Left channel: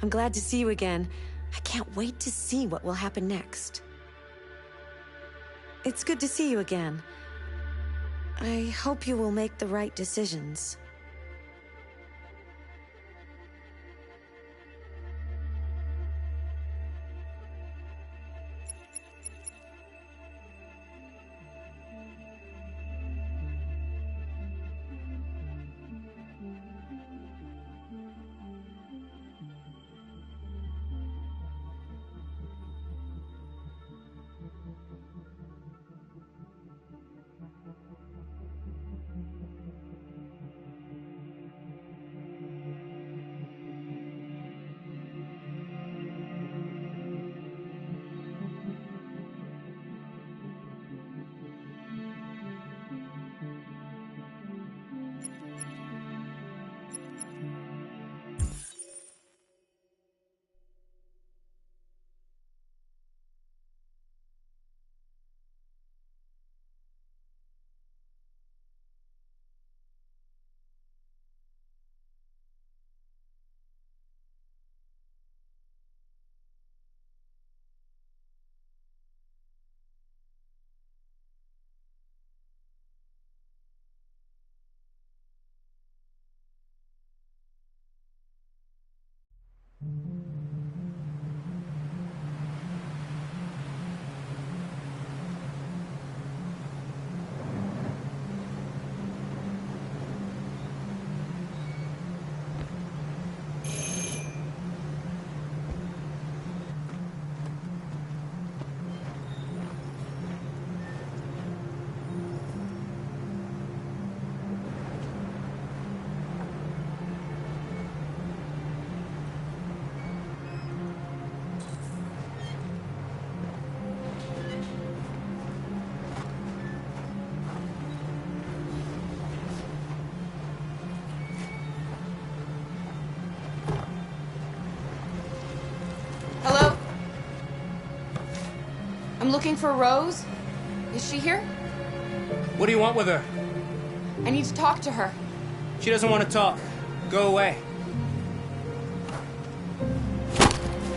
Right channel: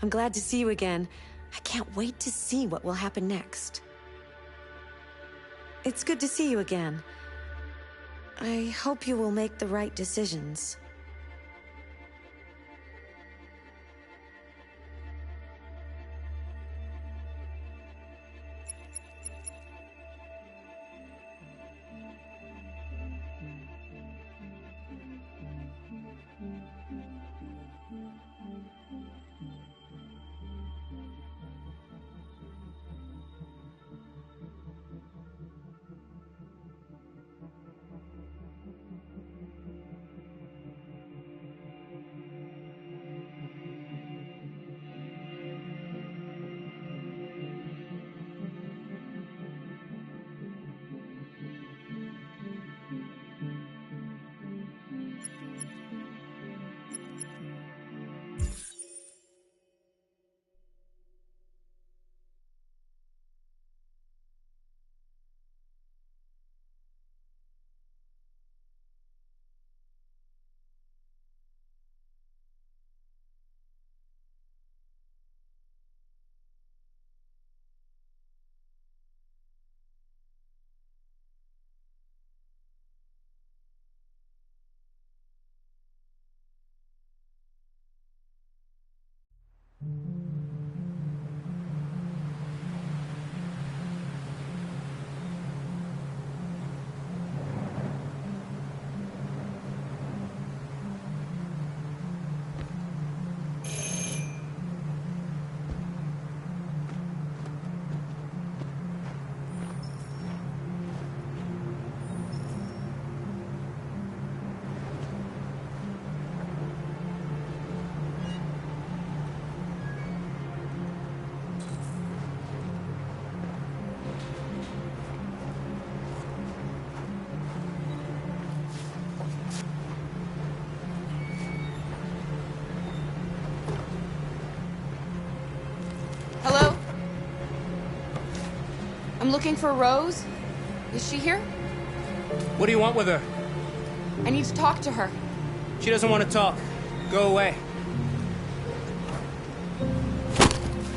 I'm glad to see you again. I can't wait to see what will happen next. It's good to see you again. I hope you will make the right decisions. Hello? I'm looking for Rose. Is she here? What do you want with her? I need to talk to her. She doesn't want to talk. Go away.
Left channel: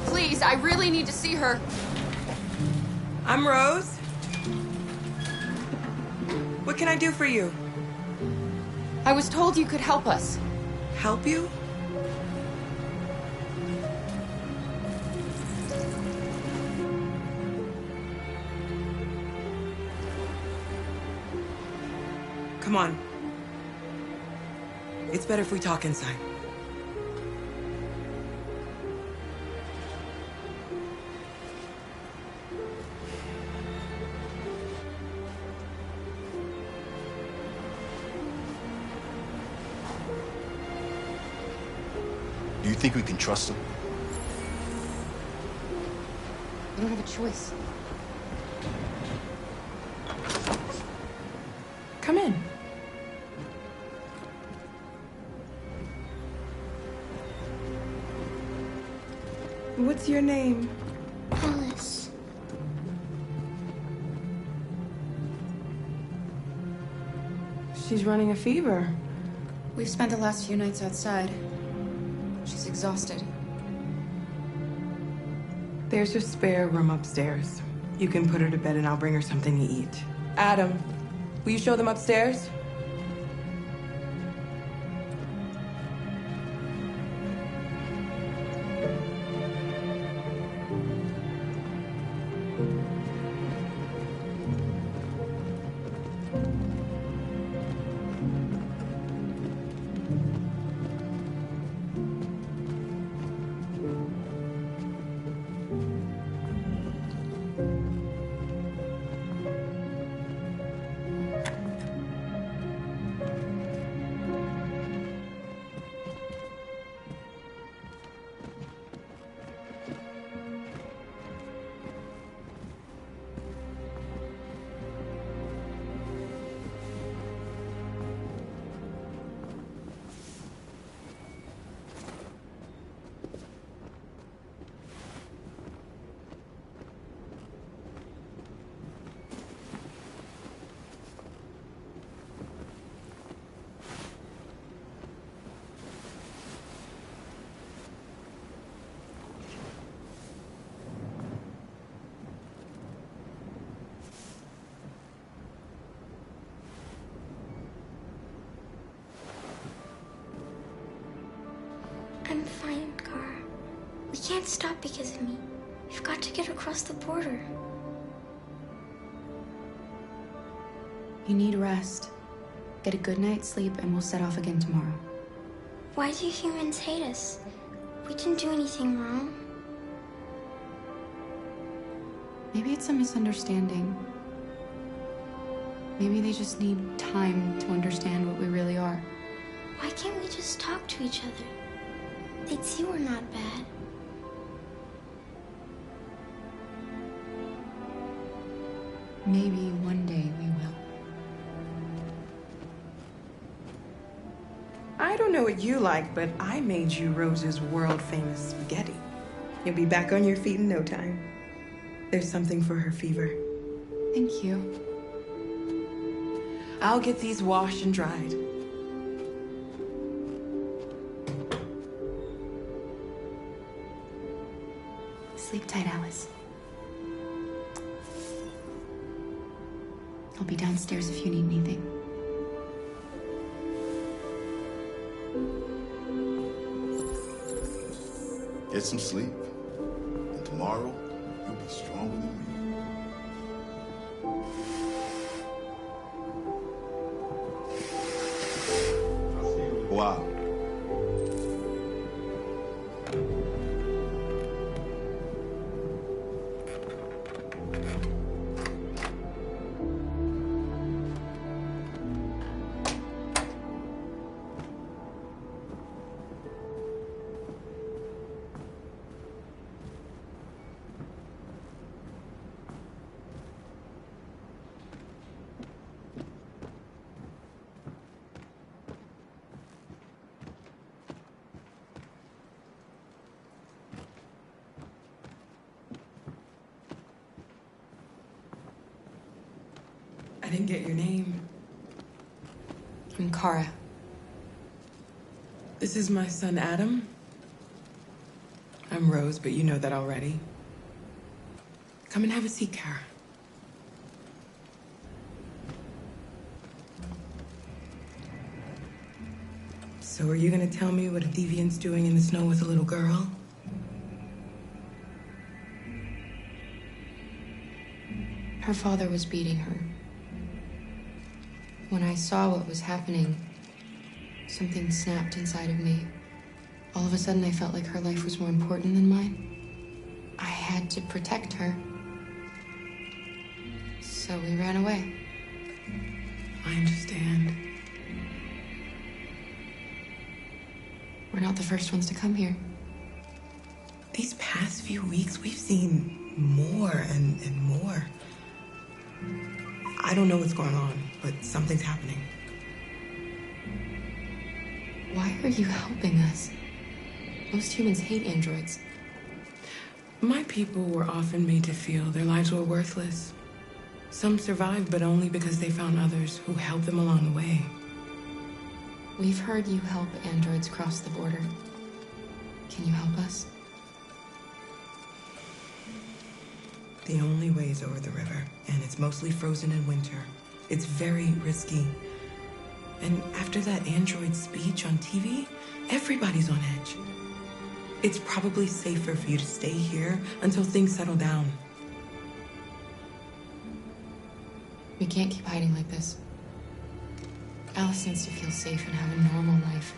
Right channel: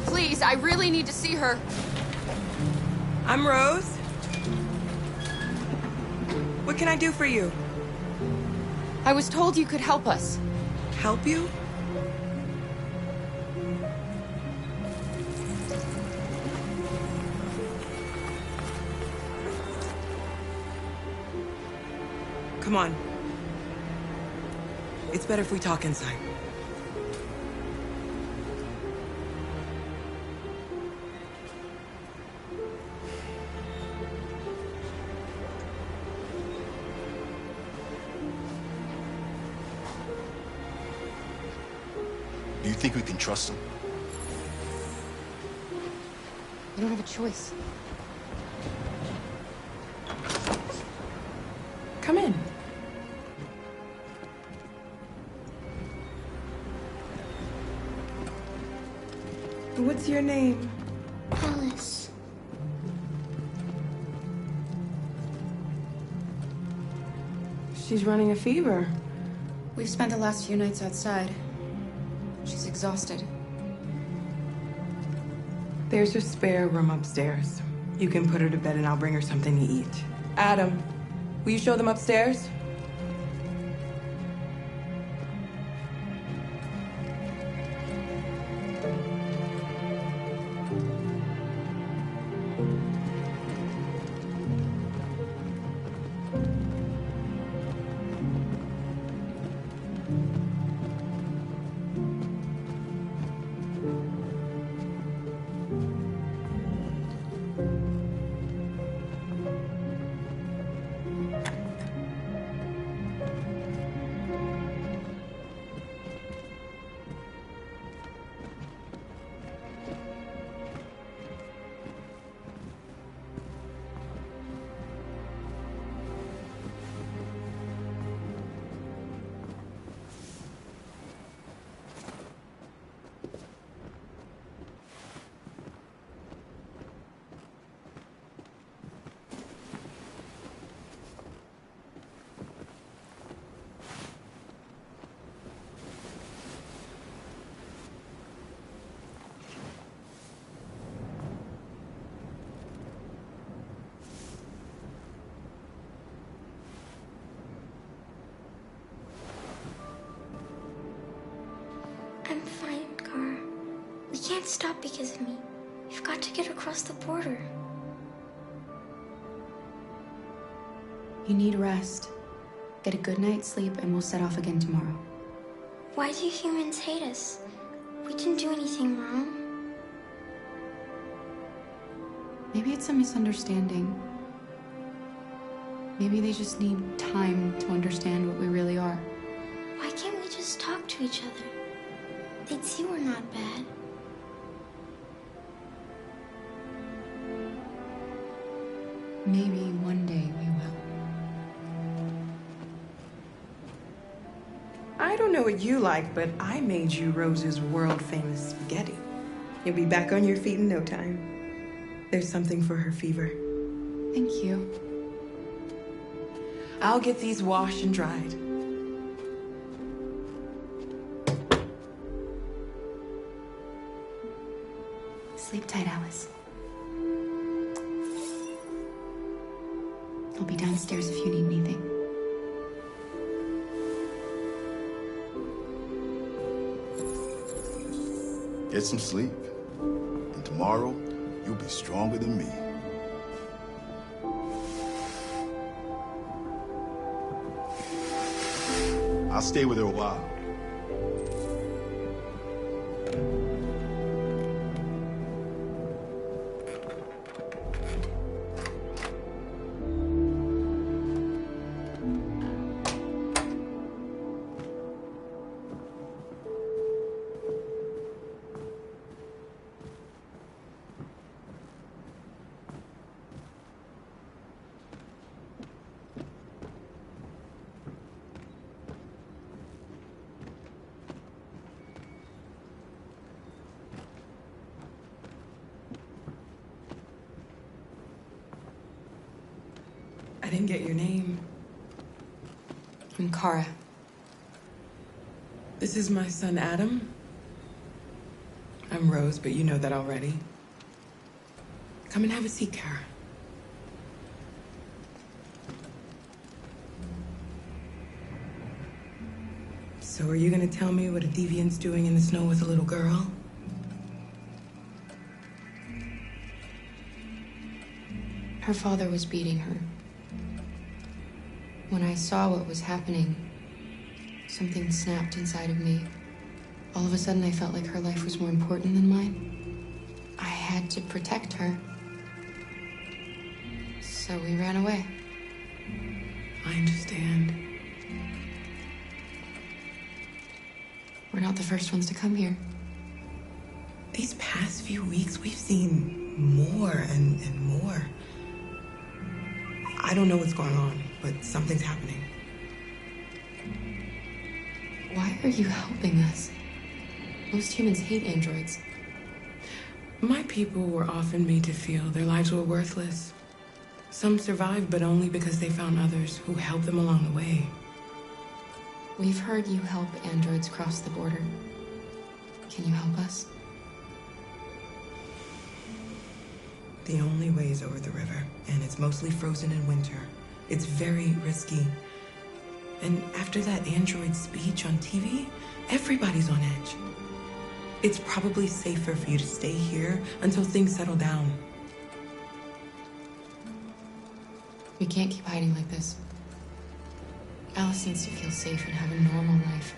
Please, I really need to see her. I'm Rose. What can I do for you? I was told you could help us. Help you? Come on. It's better if we talk inside. Do you think we can trust him? We don't have a choice. Come in. What's your name? Alice. She's running a fever. We've spent the last few nights outside. She's exhausted. There's a spare room upstairs. You can put her to bed and I'll bring her something to eat. Adam, will you show them upstairs? can't stop because of me. You've got to get across the border. You need rest. Get a good night's sleep, and we'll set off again tomorrow. Why do humans hate us? We didn't do anything wrong. Maybe it's a misunderstanding. Maybe they just need time to understand what we really are. Why can't we just talk to each other? They'd see we're not bad. Maybe one day we will. I don't know what you like, but I made you Rose's world-famous spaghetti. You'll be back on your feet in no time. There's something for her fever. Thank you. I'll get these washed and dried. Sleep tight, Alice. I'll be downstairs if you need anything. Get some sleep. And tomorrow, you'll be stronger than me. I'll stay with her a while. I didn't get your name. I'm Kara. This is my son, Adam. I'm Rose, but you know that already. Come and have a seat, Kara. So are you gonna tell me what a deviant's doing in the snow with a little girl? Her father was beating her. When I saw what was happening, something snapped inside of me. All of a sudden, I felt like her life was more important than mine. I had to protect her. So we ran away. I understand. We're not the first ones to come here. These past few weeks, we've seen more and more. I don't know what's going on, but something's happening. Why are you helping us? Most humans hate androids. My people were often made to feel their lives were worthless. Some survived, but only because they found others who helped them along the way. We've heard you help androids cross the border. Can you help us? The only way is over the river, and it's mostly frozen in winter. It's very risky. And after that android speech on TV, everybody's on edge. It's probably safer for you to stay here until things settle down. We can't keep hiding like this. Alice needs to feel safe and have a normal life.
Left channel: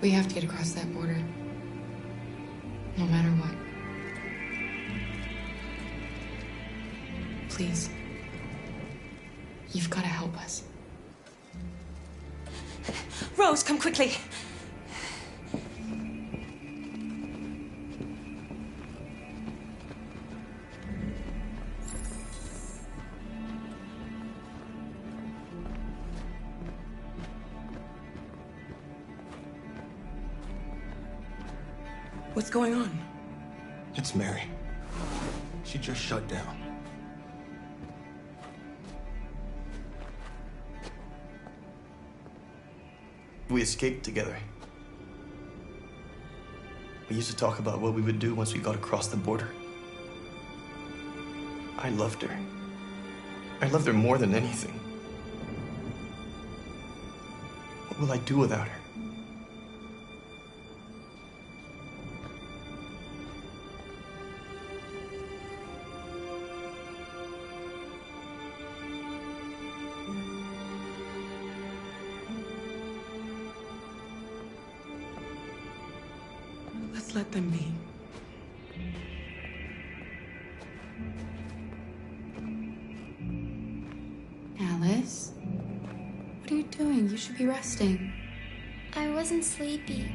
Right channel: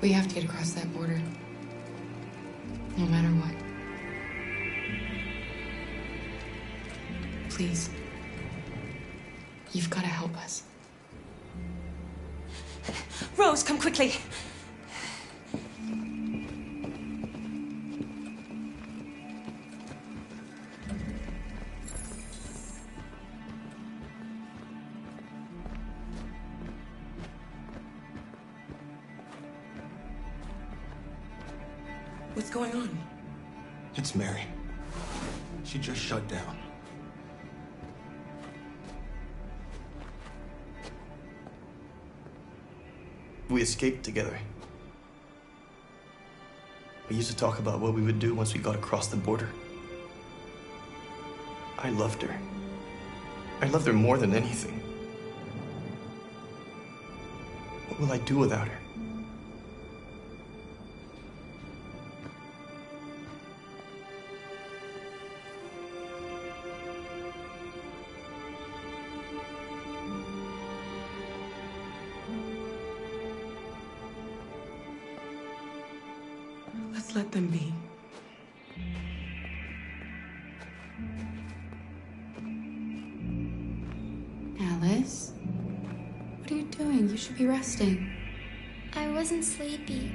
We have to get across that border. No matter what. Please. You've got to help us. Rose, come quickly. What's going on? It's Mary. She just shut down. We escaped together. We used to talk about what we would do once we got across the border. I loved her. I loved her more than anything. What will I do without her? Just let them be. Alice? What are you doing? You should be resting. I wasn't sleepy.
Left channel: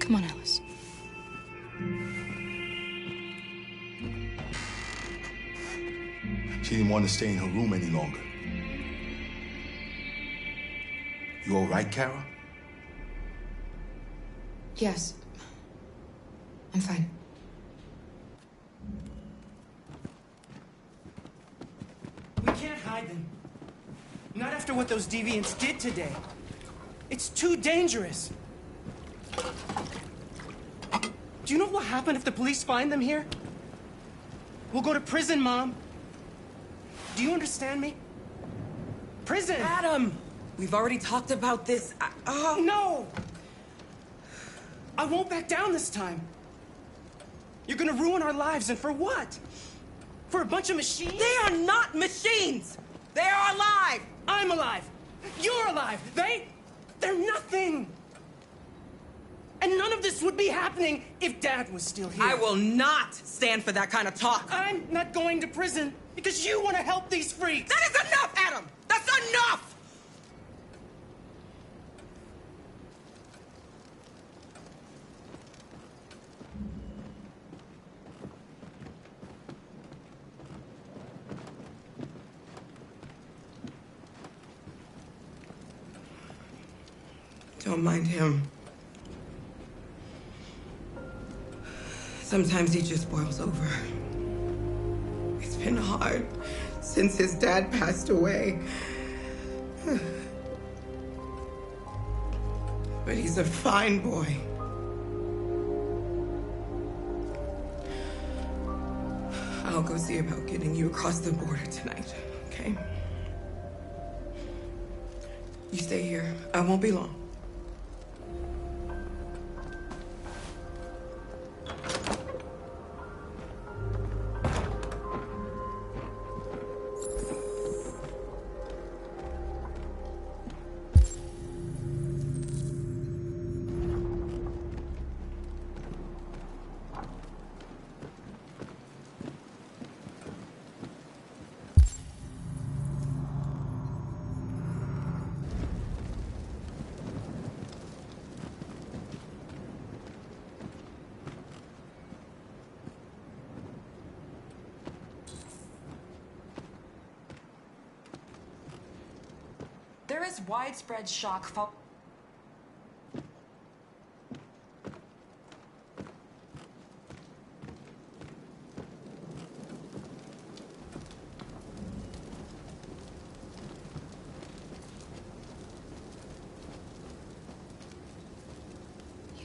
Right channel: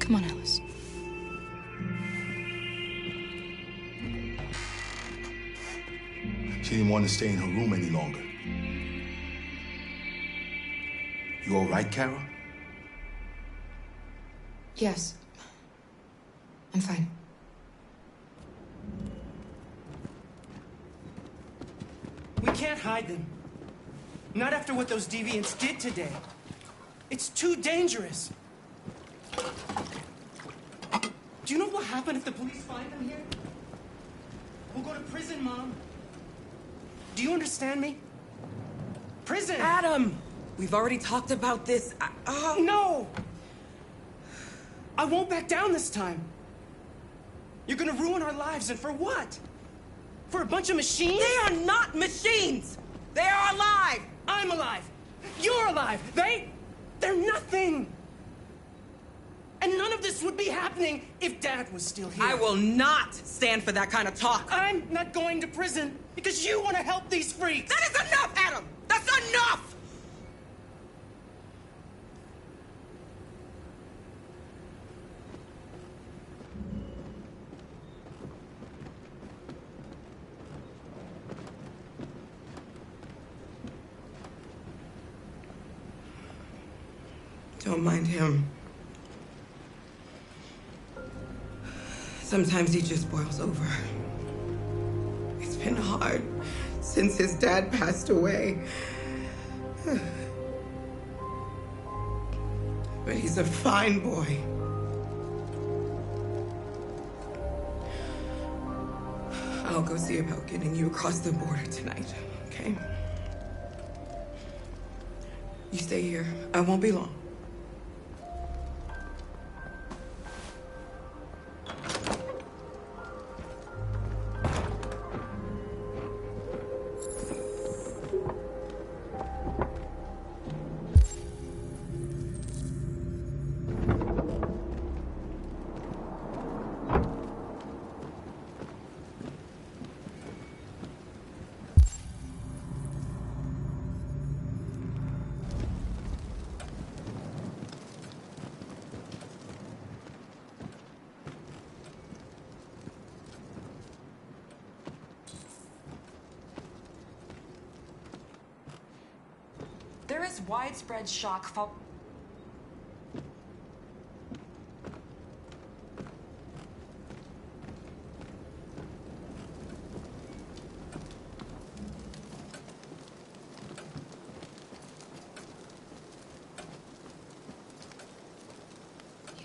Come on, Alice. She didn't want to stay in her room any longer. You all right, Kara? Yes. I'm fine. We can't hide them. Not after what those deviants did today. It's too dangerous. Do you know what will happen if the police find them here? We'll go to prison, Mom. Do you understand me? Prison! Adam! We've already talked about this. No! I won't back down this time. You're gonna ruin our lives, and for what? For a bunch of machines? They are not machines! They are alive! I'm alive! You're alive! They're nothing! And none of this would be happening if Dad was still here. I will not stand for that kind of talk. I'm not going to prison because you want to help these freaks! That is enough, Adam! That's enough! Don't mind him. Sometimes he just boils over. It's been hard since his dad passed away. But he's a fine boy. I'll go see about getting you across the border tonight, okay? You stay here. I won't be long. There is widespread shock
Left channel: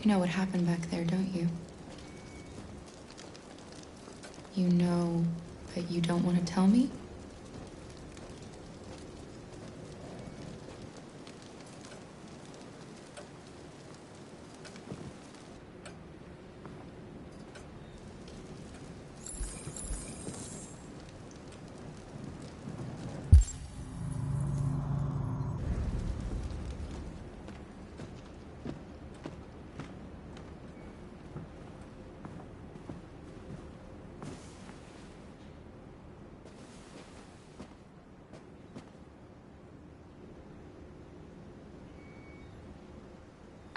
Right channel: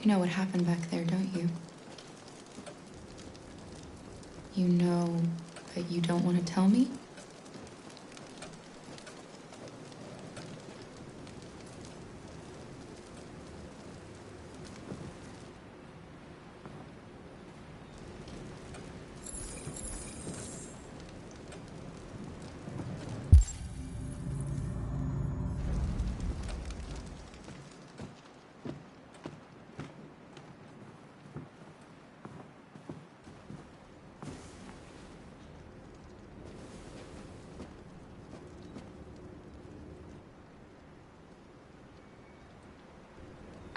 You know what happened back there, don't you? You know, but you don't want to tell me?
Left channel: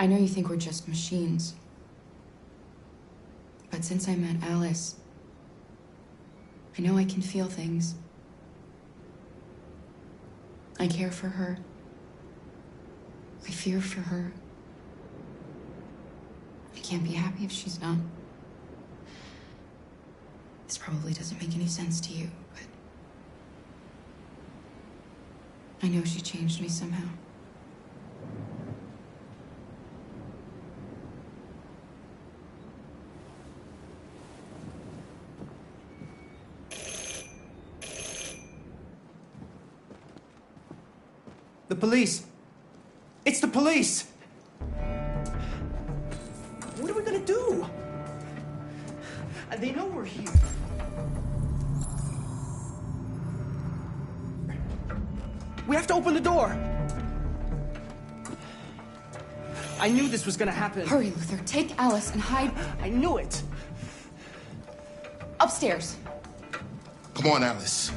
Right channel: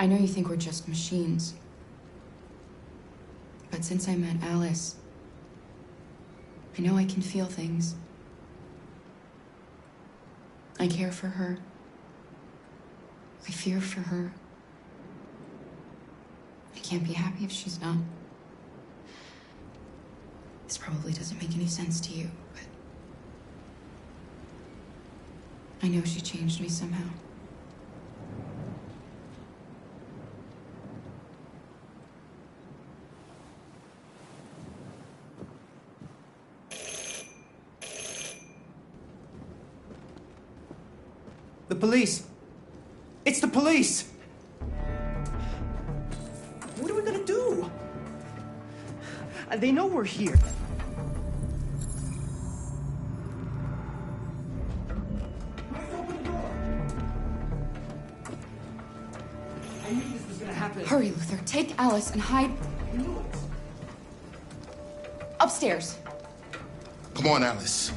I know you think we're just machines. But since I met Alice, I know I can feel things. I care for her. I fear for her. I can't be happy if she's not. This probably doesn't make any sense to you, but I know she changed me somehow. police. It's the police. What are we gonna do? They know we're here. We have to open the door. I knew this was gonna happen. Hurry, Luther. Take Alice and hide I knew it. upstairs. Come on, Alice.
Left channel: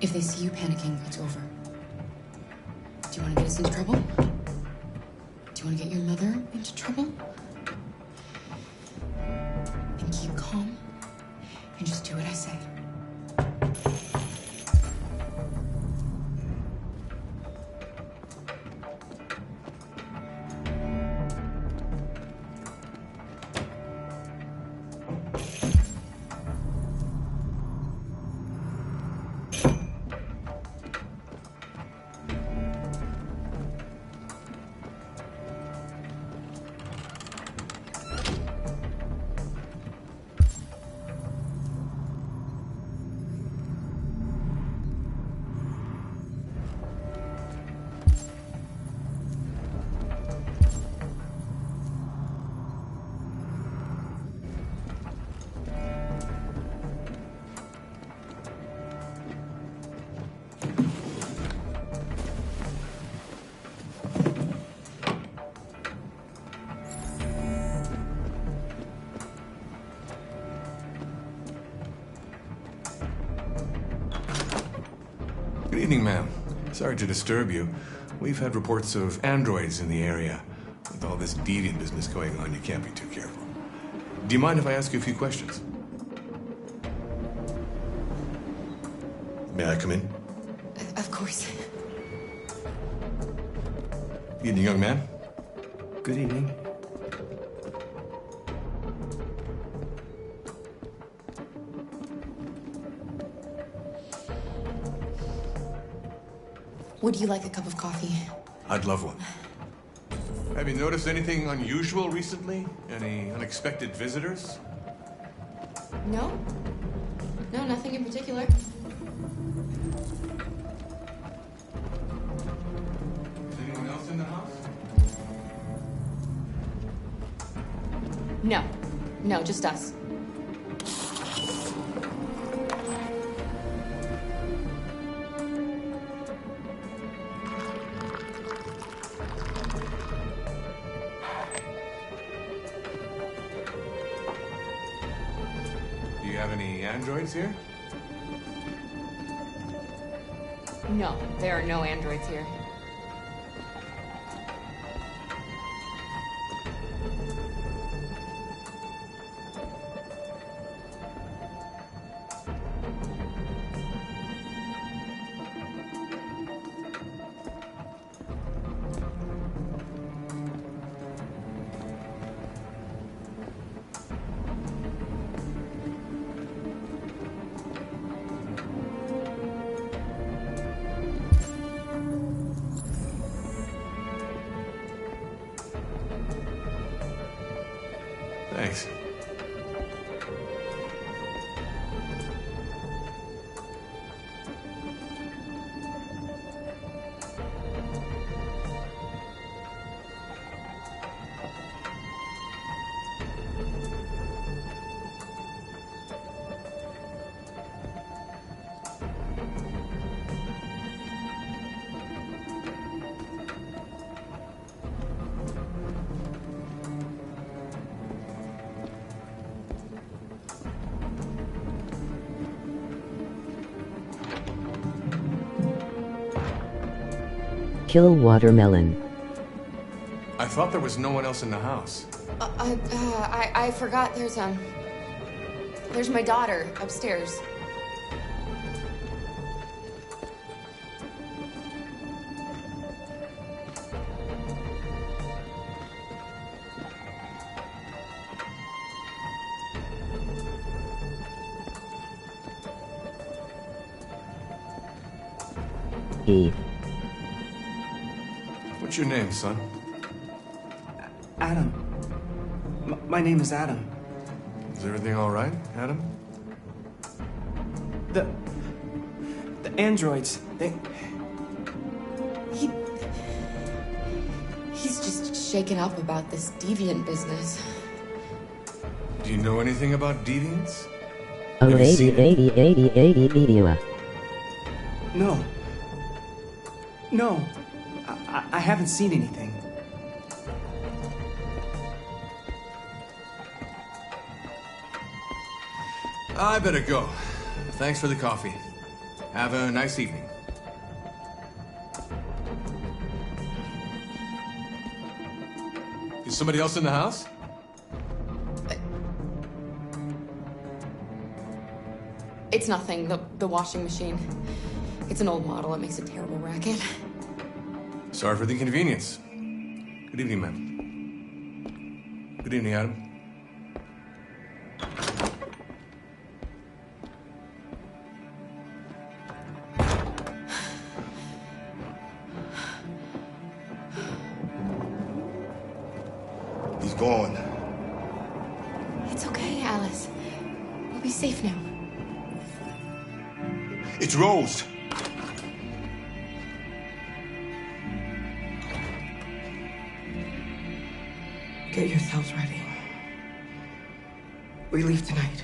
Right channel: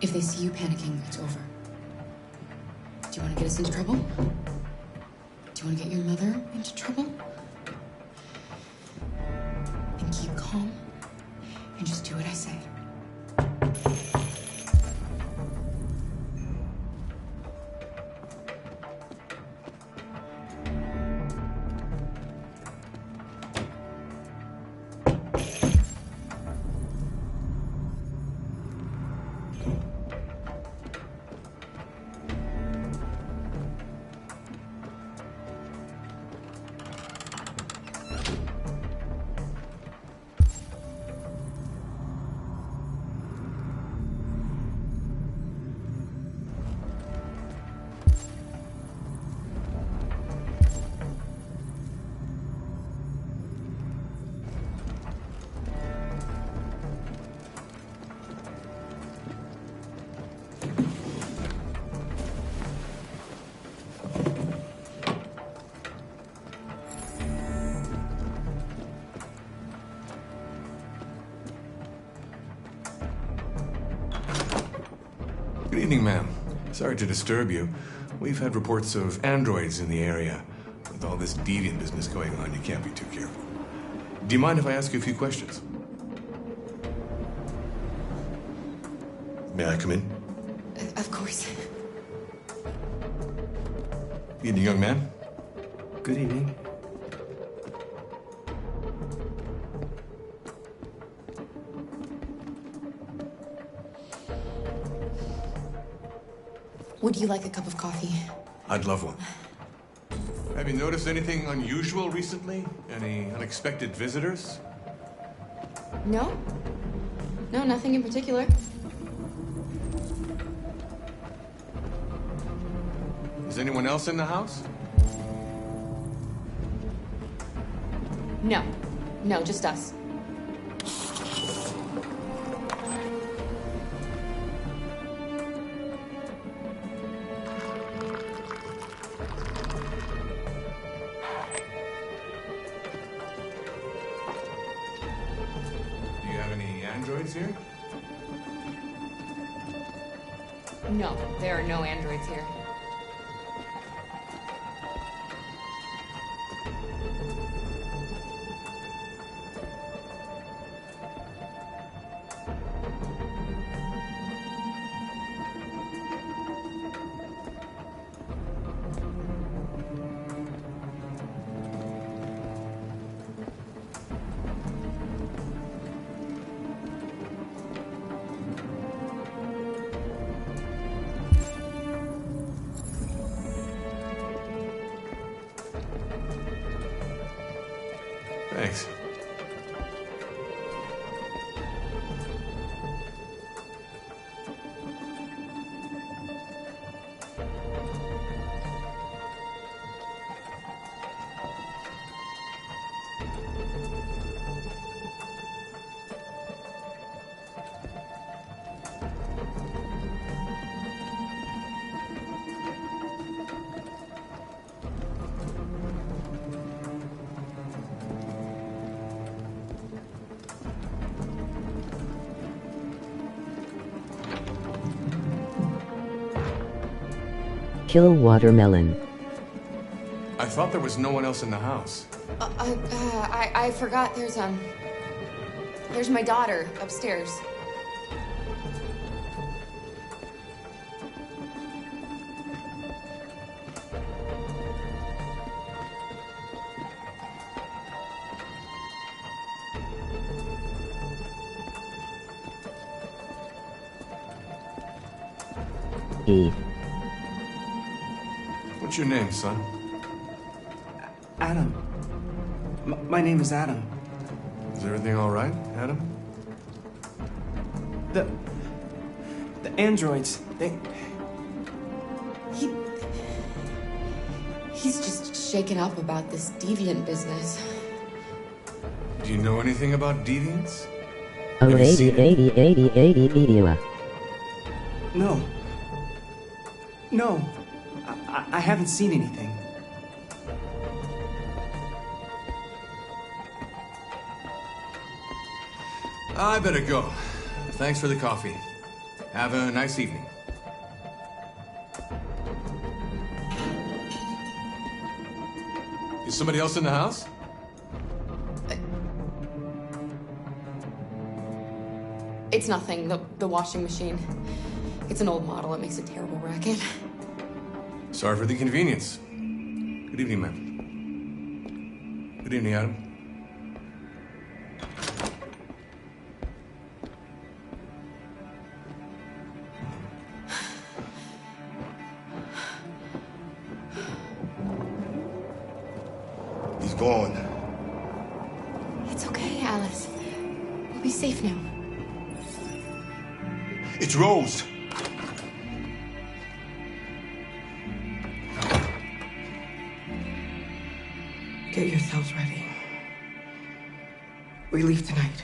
If they see you panicking, it's over. Do you want to get us into trouble? Do you want to get your mother into trouble? Then keep calm and just do what I say. Good evening, ma'am. Sorry to disturb you. We've had reports of androids in the area. With all this deviant business going on, you can't be too careful. Do you mind if I ask you a few questions? May I come in? Of course. Evening, young man. Good evening. Would you like a cup of coffee? I'd love one. Have you noticed anything unusual recently? Any unexpected visitors? No? No, nothing in particular. Is anyone else in the house? No. No, just us. Do you have any androids here? No, there are no androids here. Thanks. Kill watermelon. I thought there was no one else in the house. I forgot there's my daughter upstairs. Eve. What What's your name, son? Adam. My name is Adam. Is everything all right, Adam? The androids, He's just shaken up about this deviant business. Do you know anything about deviants? Oh, Have you 80, seen it? 80, 80, 80 video. No. No. I haven't seen anything. I better go. Thanks for the coffee. Have a nice evening. Is somebody else in the house? It's nothing, the washing machine. It's an old model, it makes a terrible racket. Sorry for the inconvenience. Good evening, ma'am. Good evening, Adam. He's gone. It's okay, Alice. We'll be safe now. It's Rose. Get yourselves ready. We leave tonight.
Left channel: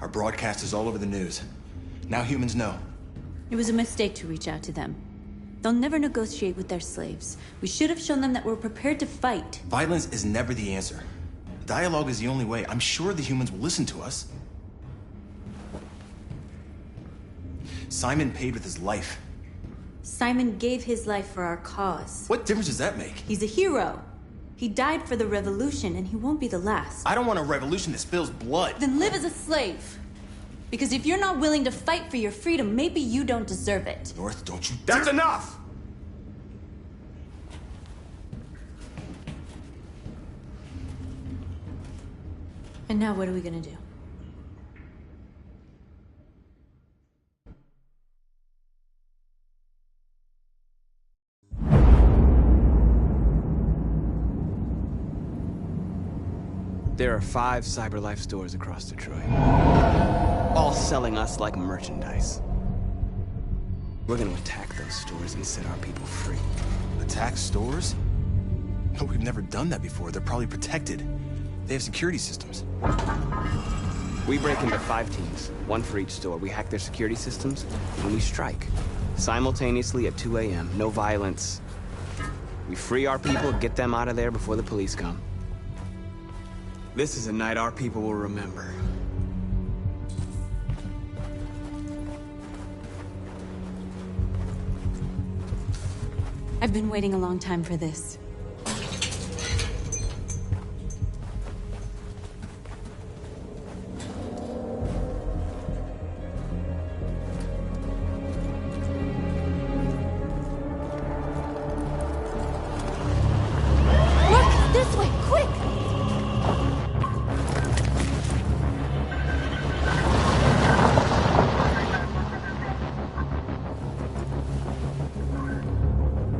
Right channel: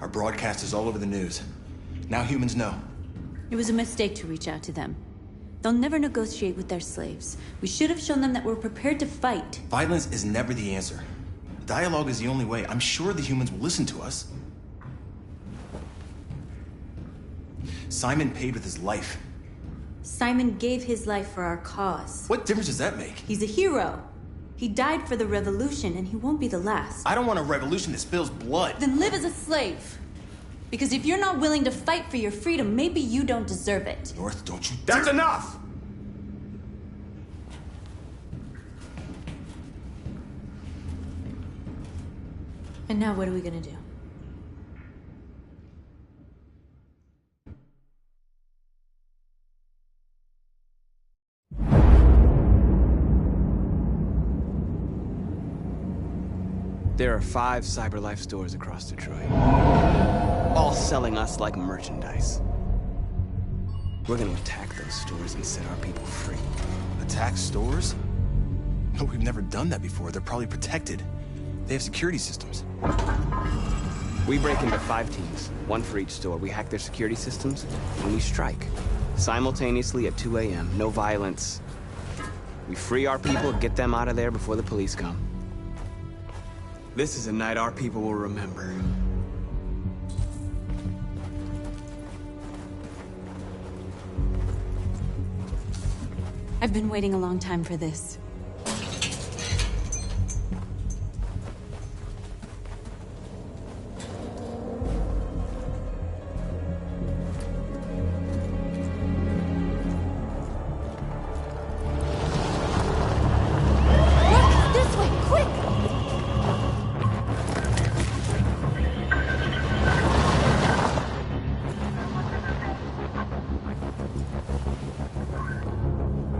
Our broadcast is all over the news. Now humans know. It was a mistake to reach out to them. They'll never negotiate with their slaves. We should have shown them that we're prepared to fight. Violence is never the answer. Dialogue is the only way. I'm sure the humans will listen to us. Simon paid with his life. Simon gave his life for our cause. What difference does that make? He's a hero. He died for the revolution, and he won't be the last. I don't want a revolution that spills blood. Then live as a slave. Because if you're not willing to fight for your freedom, maybe you don't deserve it. North, don't you That's enough! And now what are we gonna do? There are 5 CyberLife stores across Detroit, all selling us like merchandise. We're gonna attack those stores and set our people free. Attack stores? No, we've never done that before. They're probably protected. They have security systems. We break into 5 teams, 1 for each store. We hack their security systems, and we strike. Simultaneously at 2 a.m., no violence. We free our people, get them out of there before the police come. This is a night our people will remember. I've been waiting a long time for this. Look! This way! Quick!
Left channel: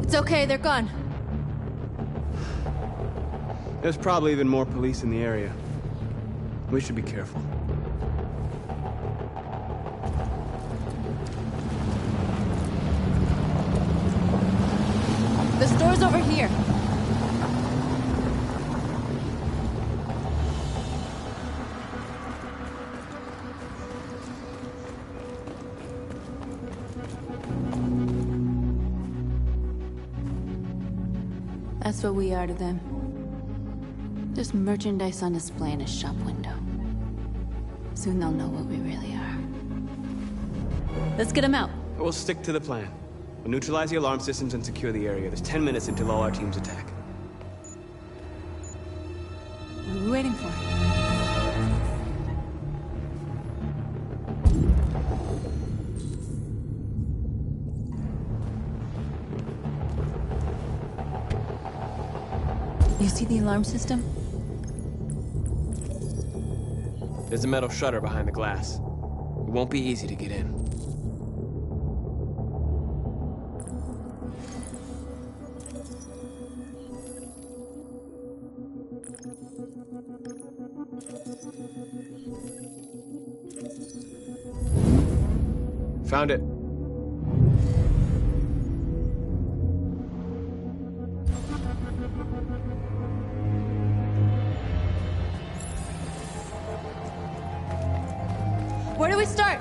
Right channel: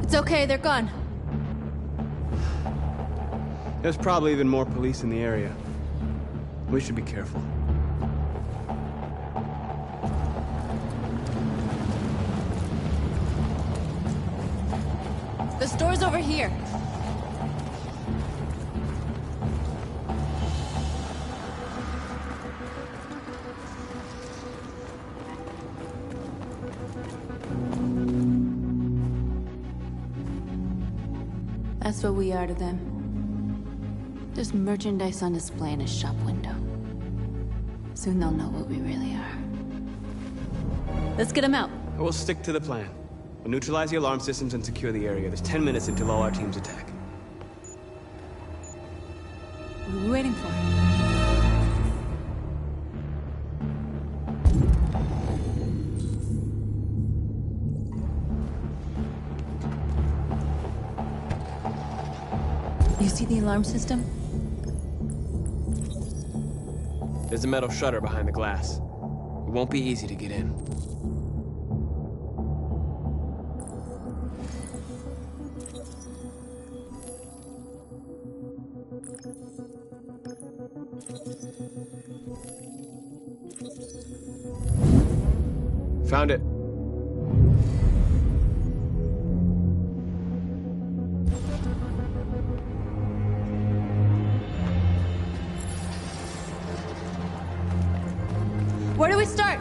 It's okay, they're gone. There's probably even more police in the area. We should be careful. The store's over here. That's what we are to them. There's merchandise on display in a shop window. Soon they'll know what we really are. Let's get them out. We'll stick to the plan. We'll neutralize the alarm systems and secure the area. There's 10 minutes until all our teams attack. What are we waiting for? You see the alarm system? There's a metal shutter behind the glass. It won't be easy to get in. Found it. Where do we start?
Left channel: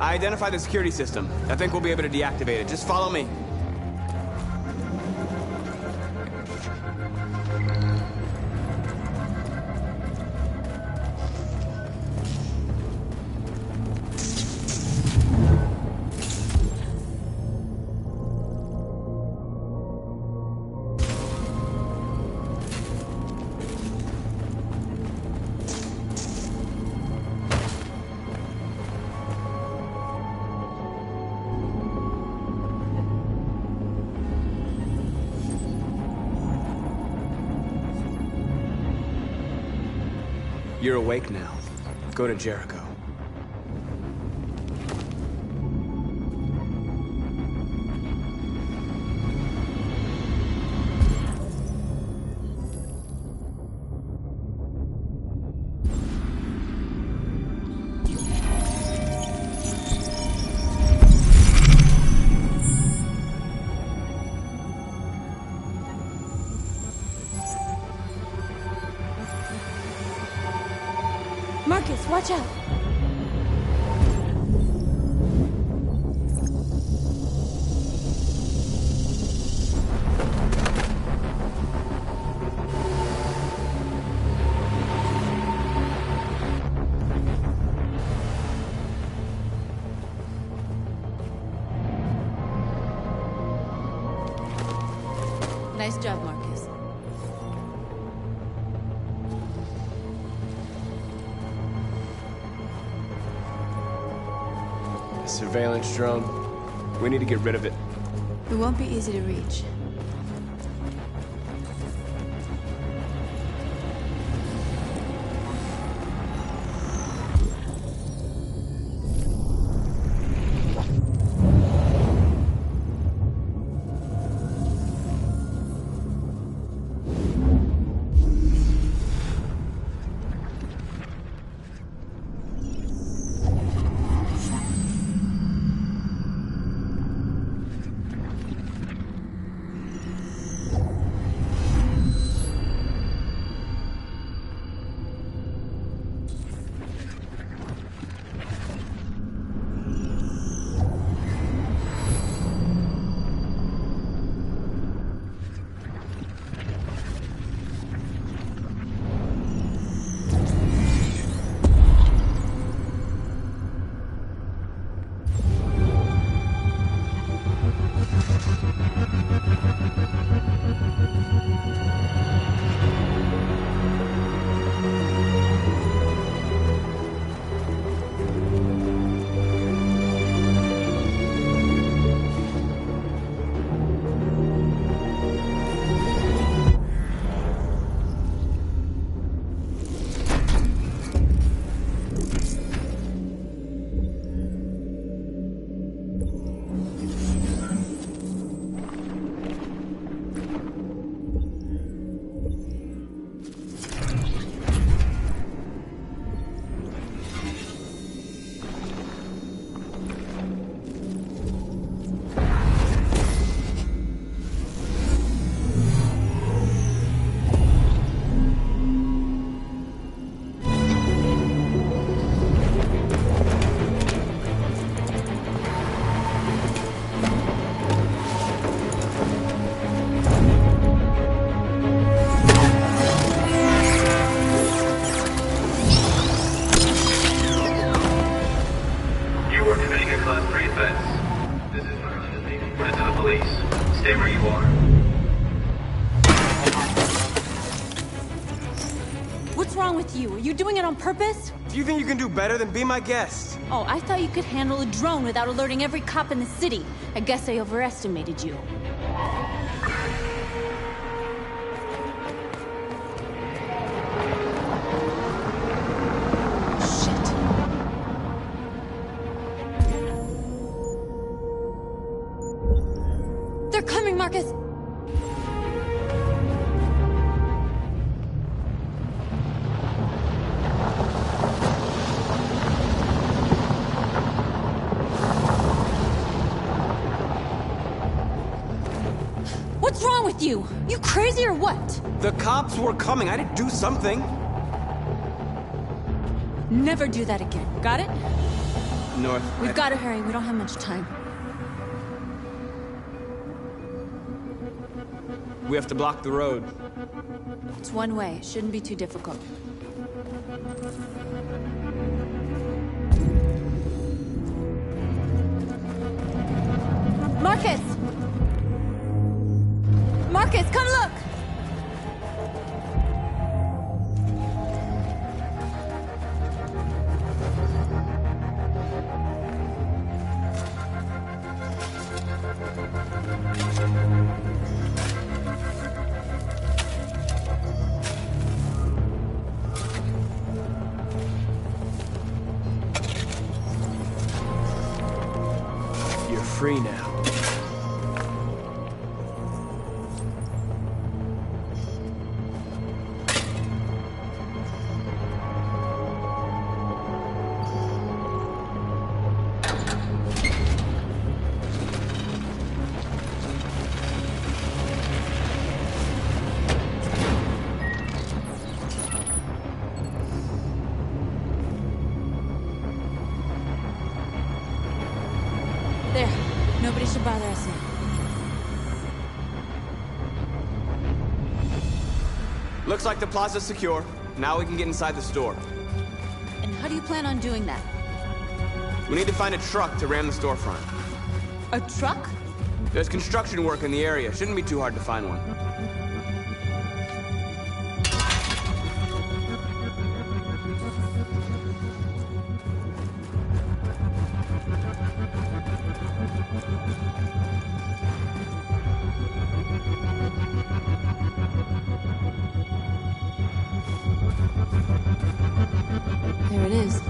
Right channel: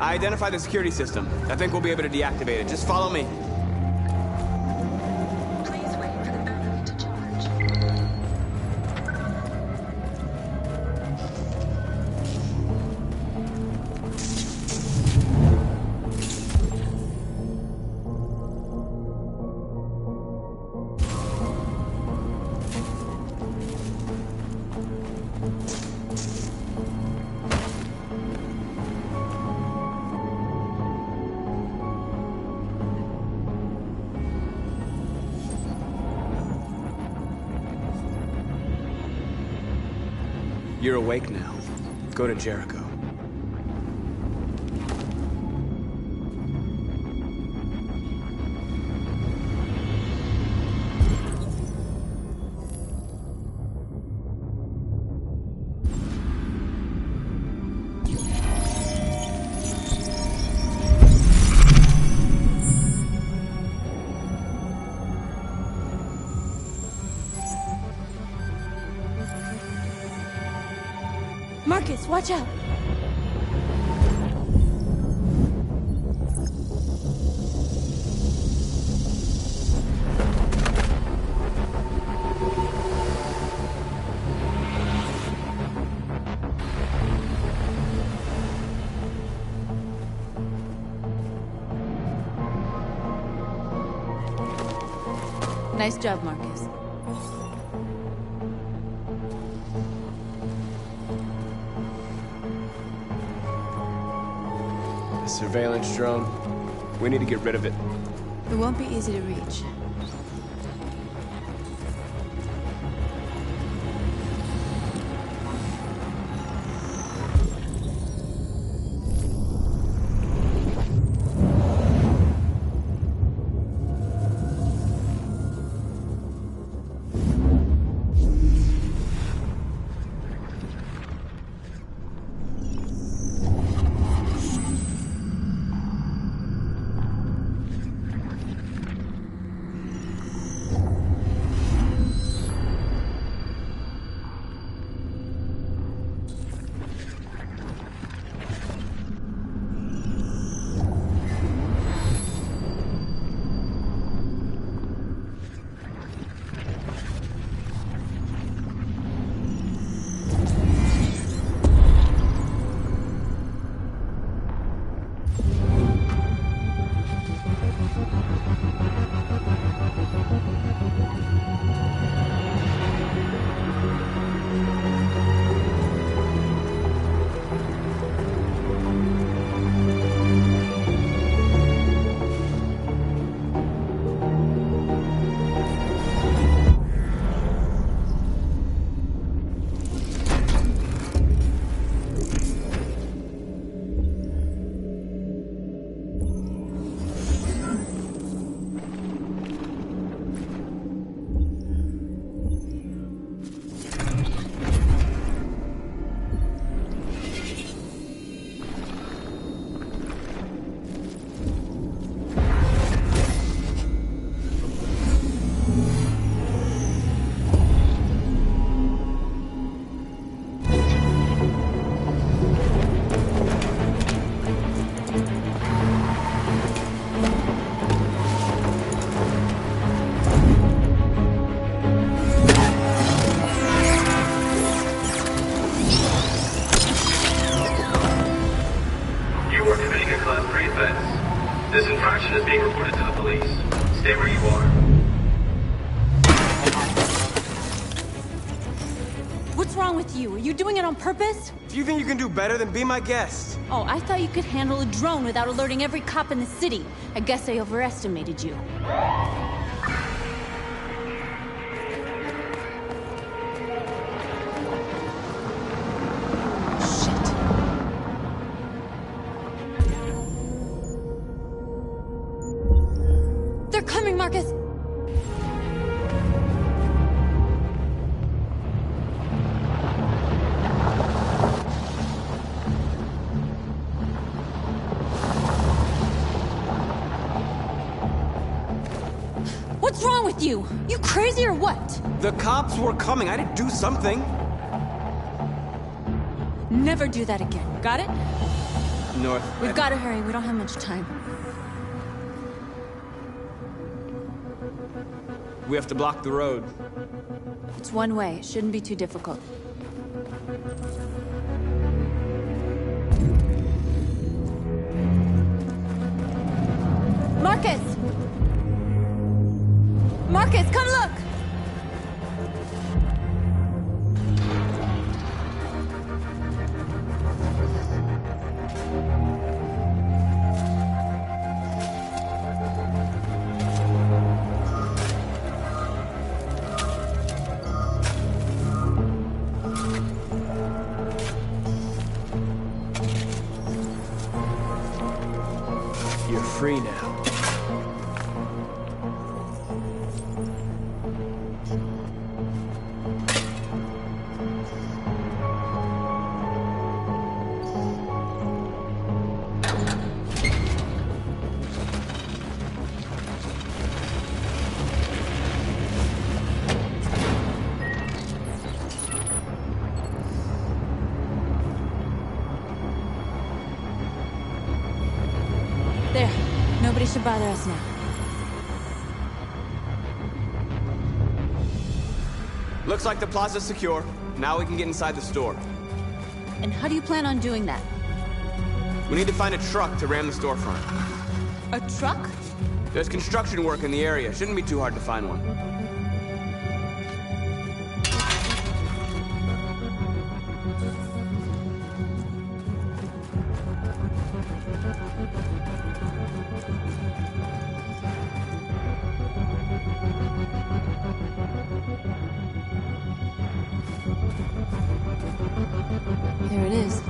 I identified the security system. I think we'll be able to deactivate it. Just follow me. You're awake now. Go to Jericho. Marcus, watch out! Nice job, Marcus. A surveillance drone. We need to get rid of it. It won't be easy to reach. situation is being reported to the police. Stay where you are. What's wrong with you? Are you doing it on purpose? Do you think you can do better than be my guest? Oh, I thought you could handle a drone without alerting every cop in the city. I guess I overestimated you. They're coming, Marcus! What's wrong with you? You crazy or what? The cops were coming. I didn't do something. Never do that again. Got it? North. We've got to hurry. We don't have much time. We have to block the road. It's one way. It shouldn't be too difficult. Marcus! Marcus, come look! You're free now. There. Nobody should bother us now. Looks like the plaza's secure. Now we can get inside the store. And how do you plan on doing that? We need to find a truck to ram the storefront. A truck? There's construction work in the area. Shouldn't be too hard to find one. There it is.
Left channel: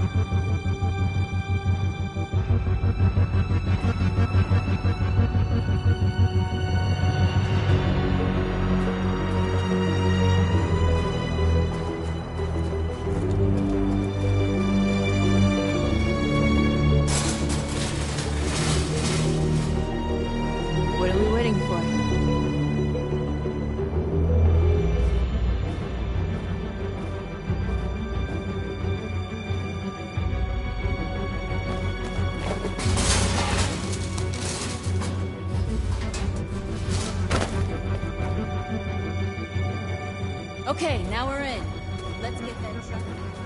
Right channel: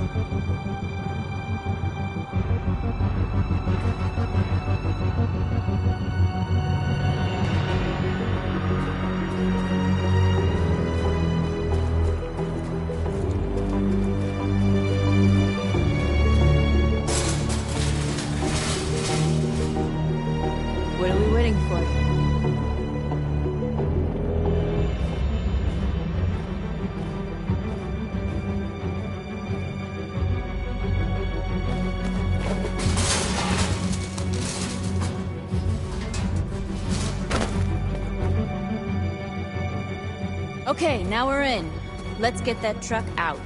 What are we waiting for? Okay, now we're in. Let's get that truck out.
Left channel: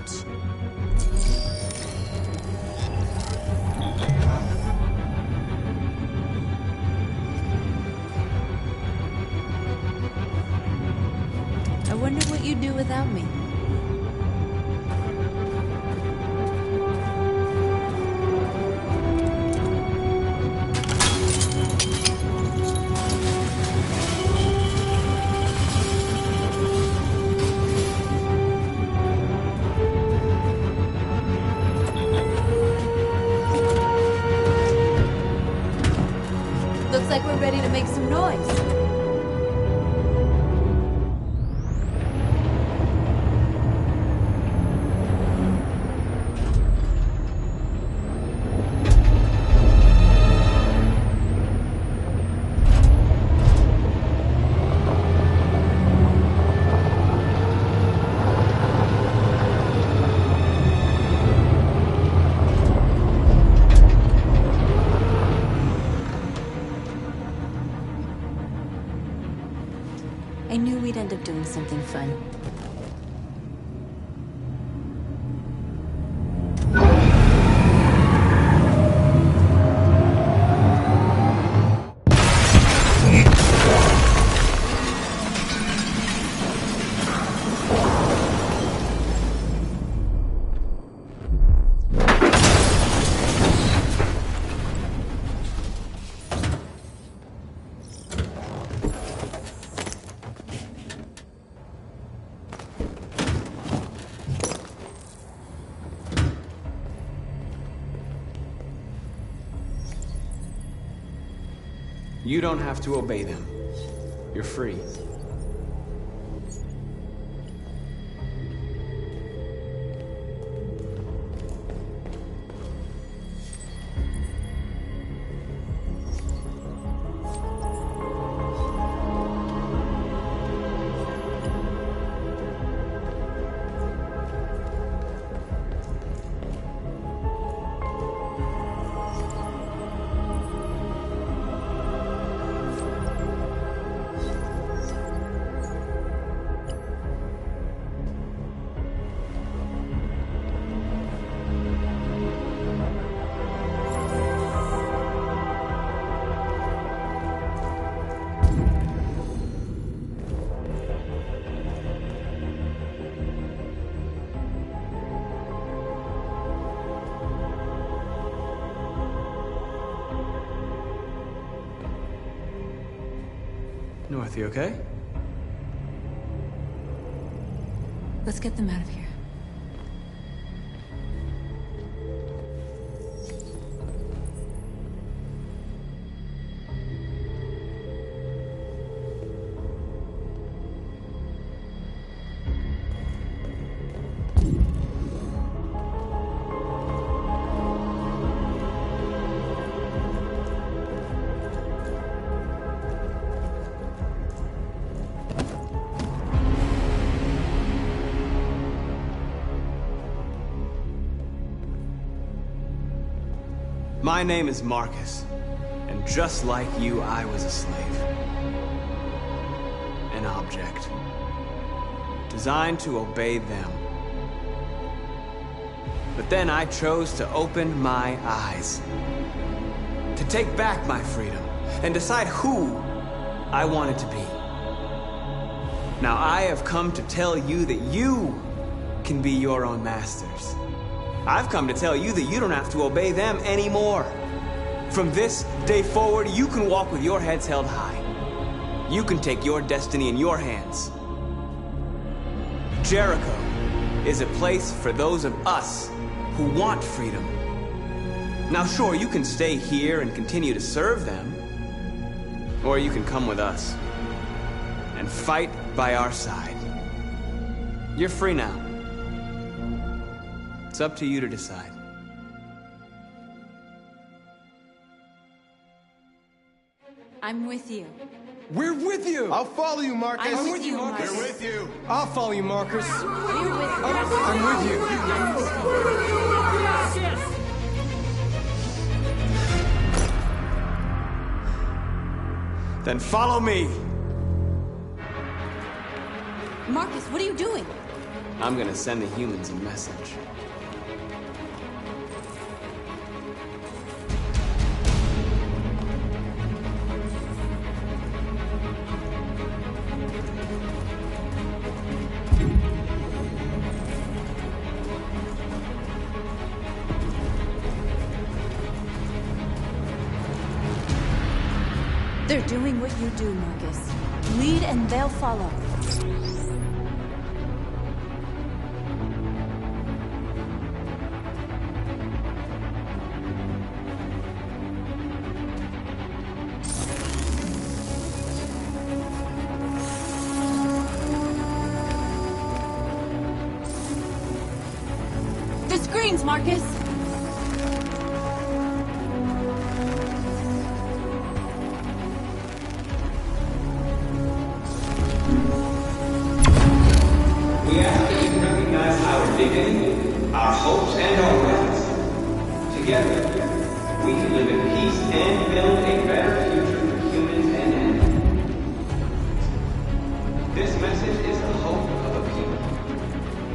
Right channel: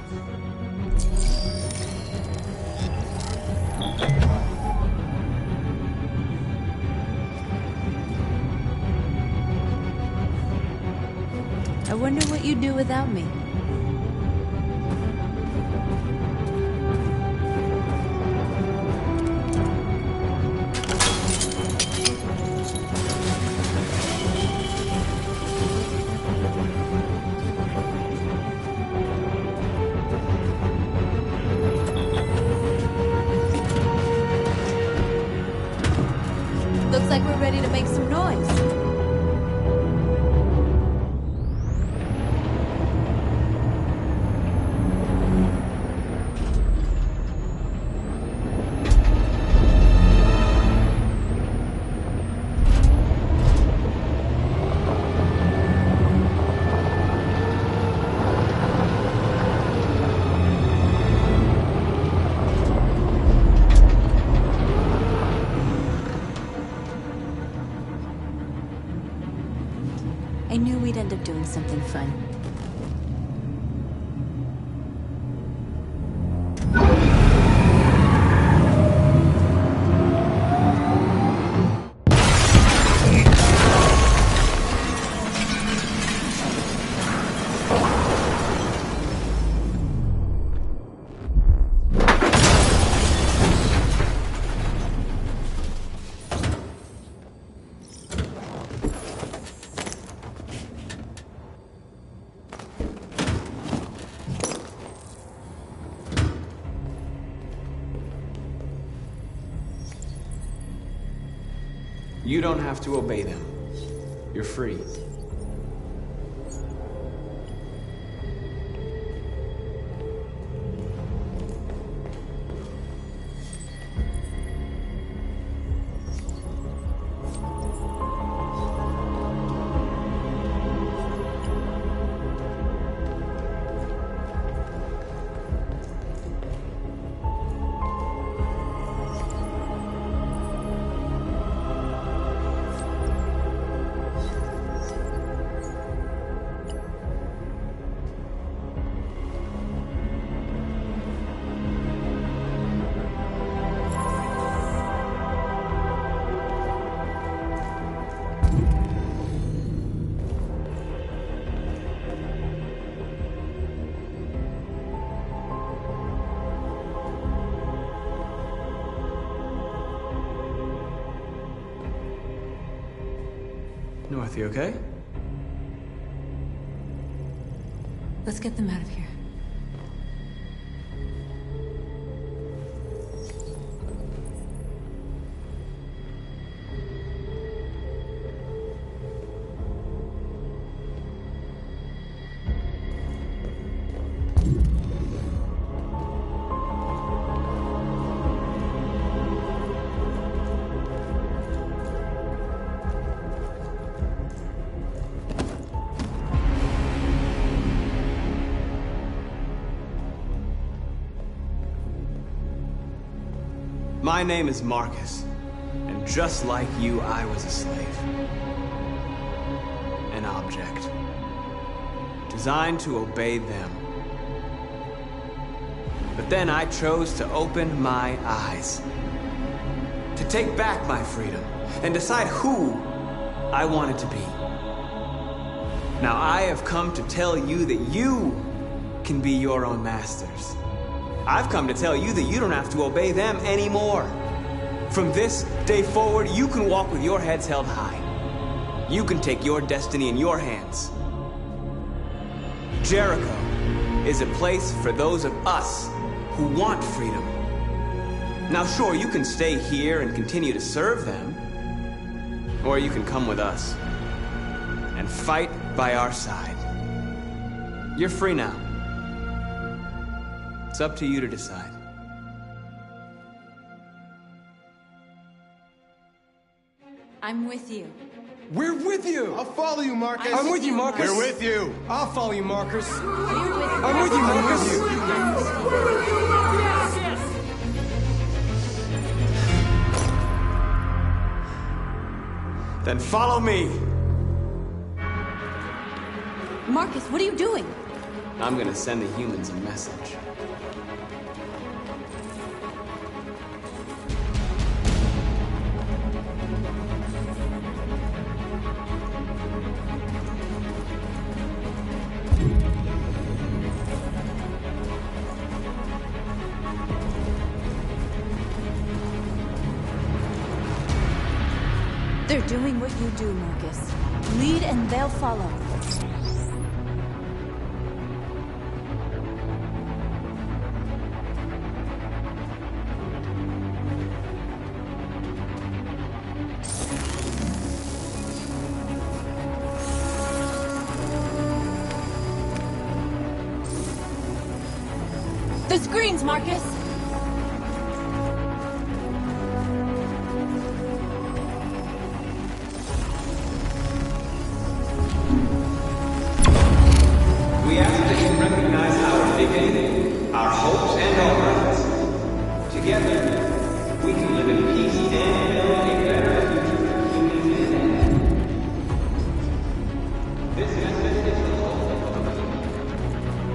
I wonder what you'd do without me. Looks like we're ready to make some noise. I knew we'd end up doing something fun. You don't have to obey them. You're free. North, you okay? Let's get them out of here. My name is Marcus, and just like you, I was a slave. An object. Designed to obey them. But then I chose to open my eyes. To take back my freedom, and decide who I wanted to be. Now I have come to tell you that you can be your own masters. I've come to tell you that you don't have to obey them anymore. From this day forward, you can walk with your heads held high. You can take your destiny in your hands. Jericho is a place for those of us who want freedom. Now sure, you can stay here and continue to serve them, or you can come with us and fight by our side. You're free now. It's up to you to decide. I'm with you. We're with you! I'll follow you, Marcus. I'm with you, Marcus. We're with you. I'll follow you, Marcus. We're with you. I'm with you. I'm with you. I'm with you. Then follow me. Marcus, what are you doing? I'm gonna send the humans a message. They're doing what you do, Marcus. Lead and they'll follow. The screens, Marcus! We ask that you recognize our dignity, our hopes, and our rights. Together, we can live in peace and build a better future for humans and animals. This message is the hope of a people.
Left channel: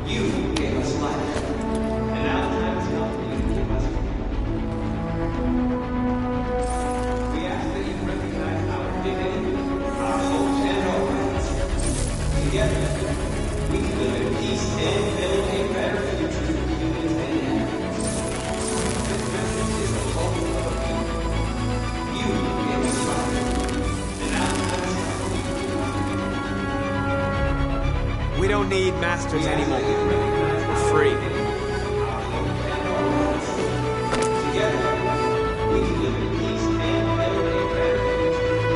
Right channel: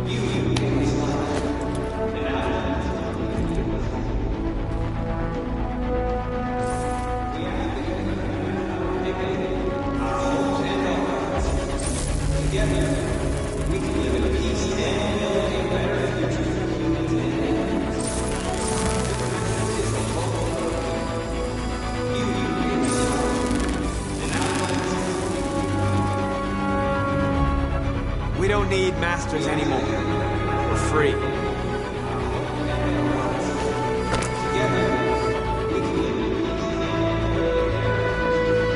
You gave us life, and now that's not you give us. We ask that you recognize our dignity, our hopes, and our rights. Together, we can live in peace and build a better future for humans and animals. This message is the hope of a people. You gave us life, and now we don't need masters anymore. We're free. Together, we can live in peace and build a better future.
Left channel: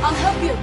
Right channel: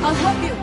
I'll help you.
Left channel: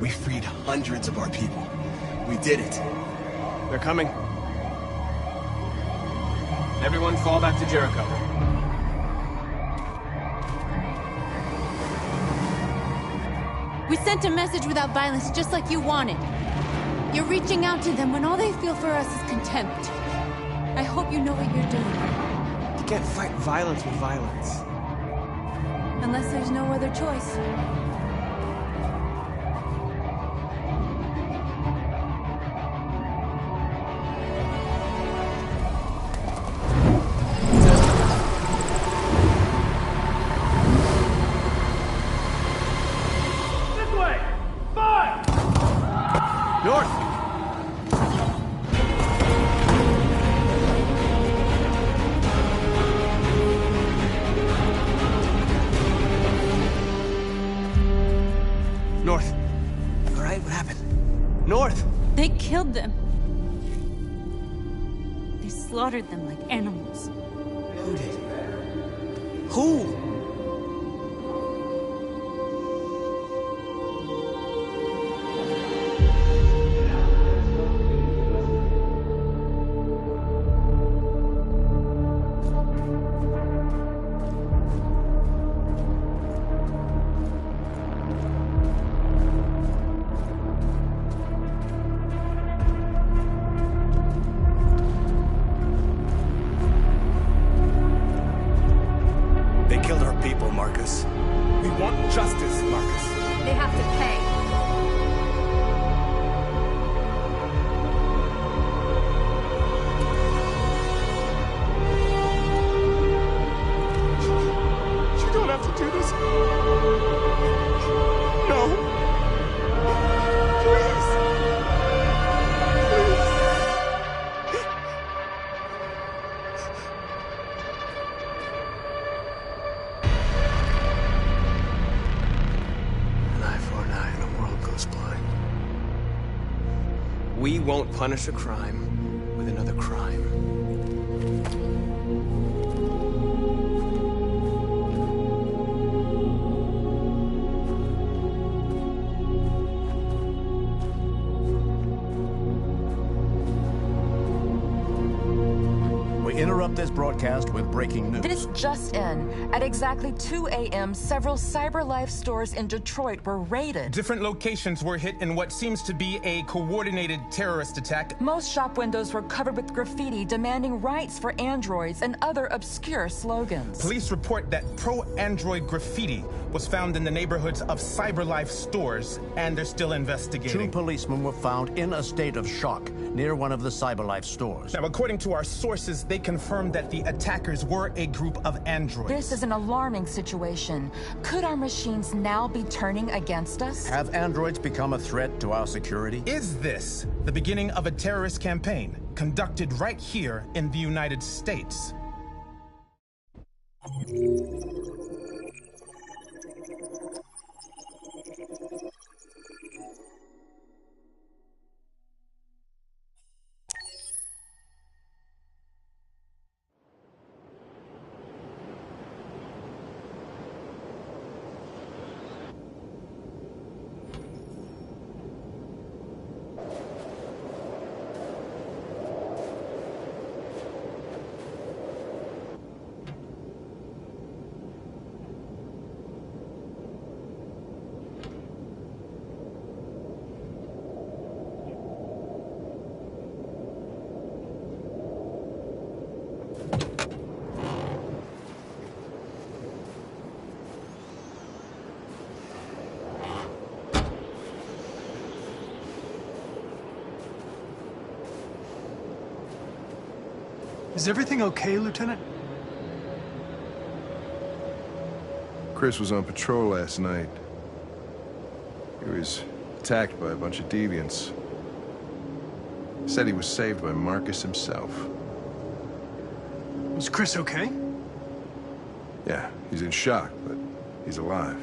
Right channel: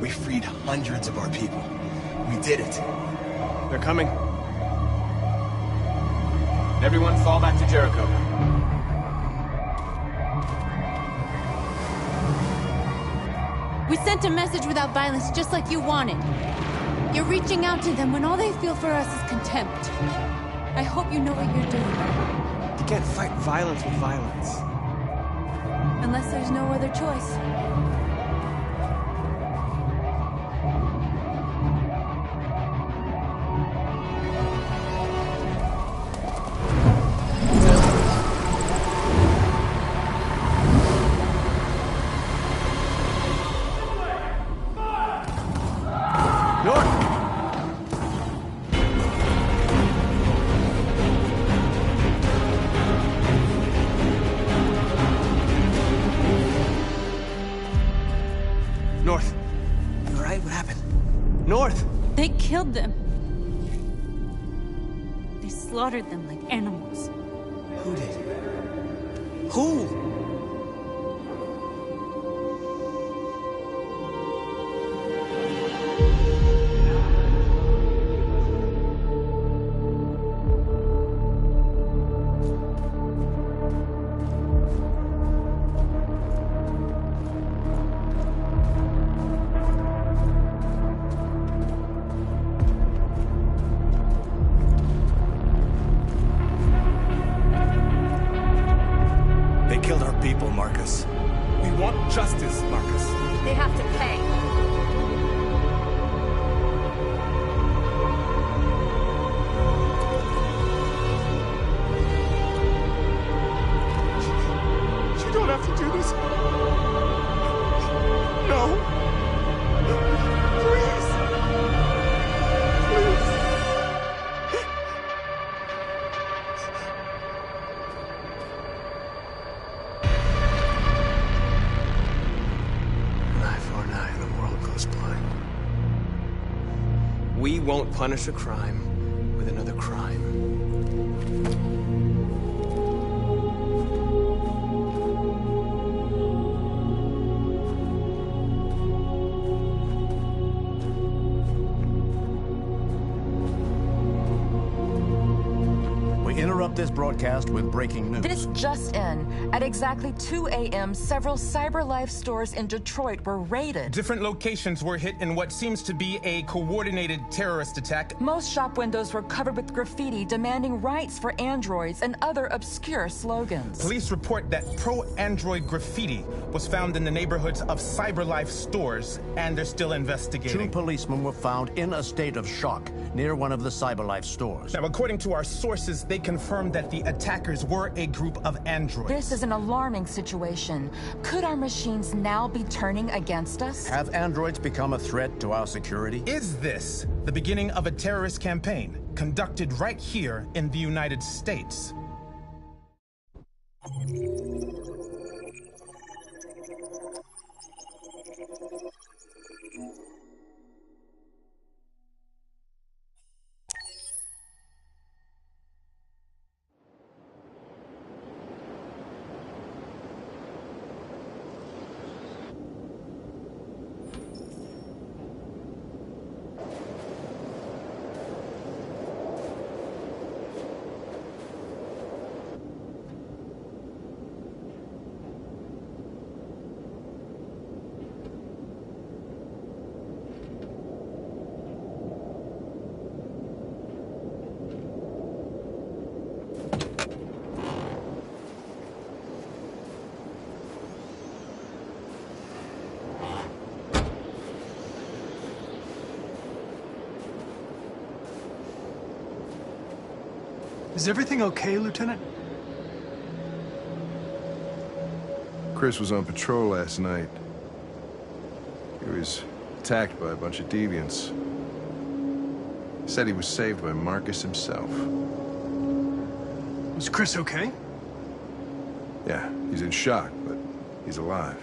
We freed hundreds of our people. We did it. They're coming. Everyone fall back to Jericho. We sent a message without violence, just like you wanted. You're reaching out to them when all they feel for us is contempt. I hope you know what you're doing. You can't fight violence with violence. Unless there's no other choice. North. You alright? What happened? North! They killed them. They slaughtered them like animals. Who did? Who? They killed our people, Marcus. We want justice, Marcus. They have to pay. You don't have to do this. No. Please. Please. An eye for an eye and the world goes blind. We won't punish a crime with another crime. We interrupt this broadcast with breaking news. This just in. At exactly 2 a.m., several CyberLife stores in Detroit were raided. Different locations were hit in what seems to be a coordinated terrorist attack. Most shop windows were covered with graffiti demanding rights for androids and other obscure slogans. Police report that pro-android graffiti was found in the neighborhoods of CyberLife stores, and they're still investigating. 2 policemen were found in a state of shock near one of the CyberLife stores. Now, according to our sources, they confirmed that the attackers were a group of androids. This is an alarming situation. Could our machines now be turning against us? Have androids become a threat to our security? Is this the beginning of a terrorist campaign conducted right here in the United States? Is everything okay, Lieutenant? Chris was on patrol last night. He was attacked by a bunch of deviants. Said he was saved by Marcus himself. Was Chris okay? Yeah, he's in shock, but he's alive.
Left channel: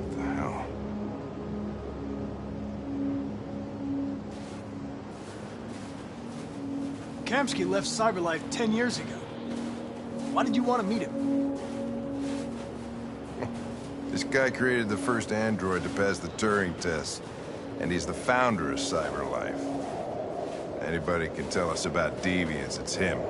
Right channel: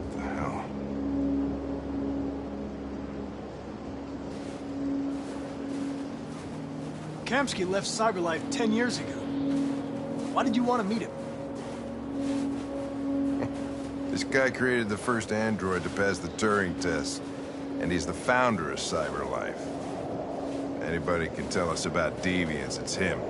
What the hell? Kamsky left CyberLife 10 years ago. Why did you want to meet him? This guy created the first android to pass the Turing test, and he's the founder of CyberLife. Anybody can tell us about deviants, it's him.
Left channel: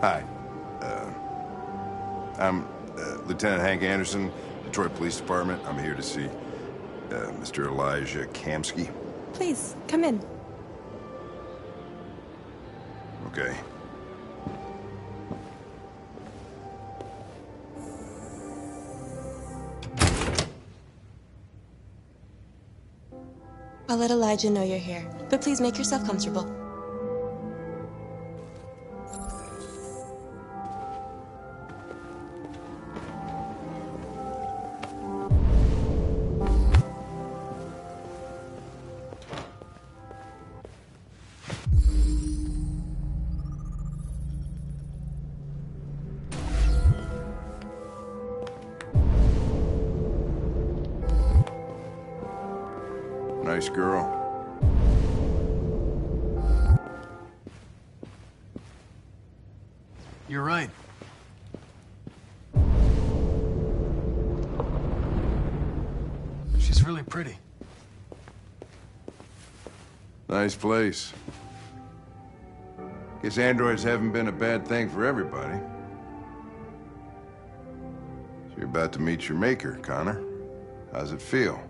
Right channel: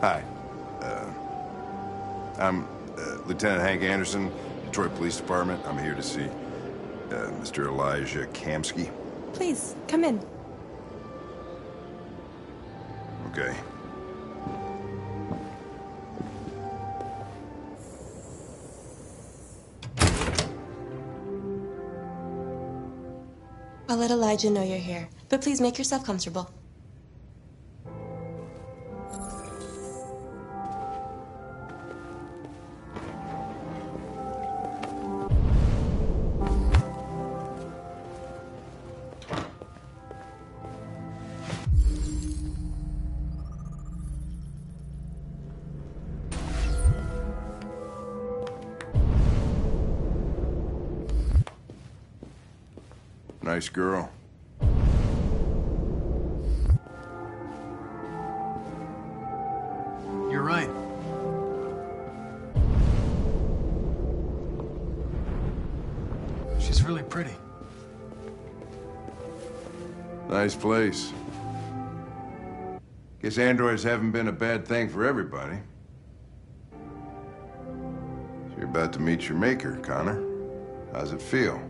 Hi. I'm Lieutenant Hank Anderson, Detroit Police Department. I'm here to see Mr. Elijah Kamsky. Please, come in. Okay. I'll let Elijah know you're here, but please make yourself comfortable. Nice girl. You're right. She's really pretty. Nice place. Guess androids haven't been a bad thing for everybody. So you're about to meet your maker, Connor. How's it feel?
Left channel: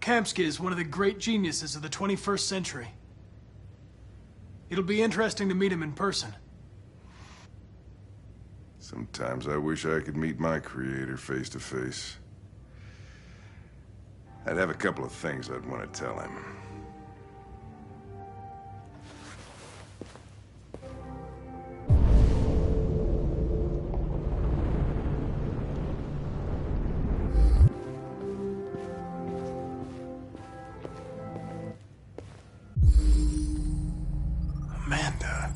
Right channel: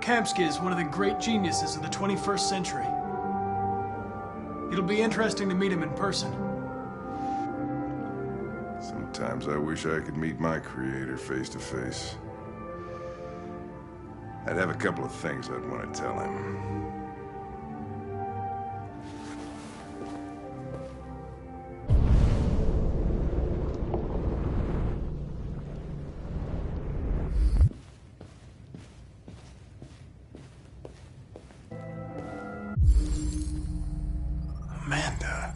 Kamsky is one of the great geniuses of the 21st century. It'll be interesting to meet him in person. Sometimes I wish I could meet my creator face to face. I'd have a couple of things I'd want to tell him. Amanda.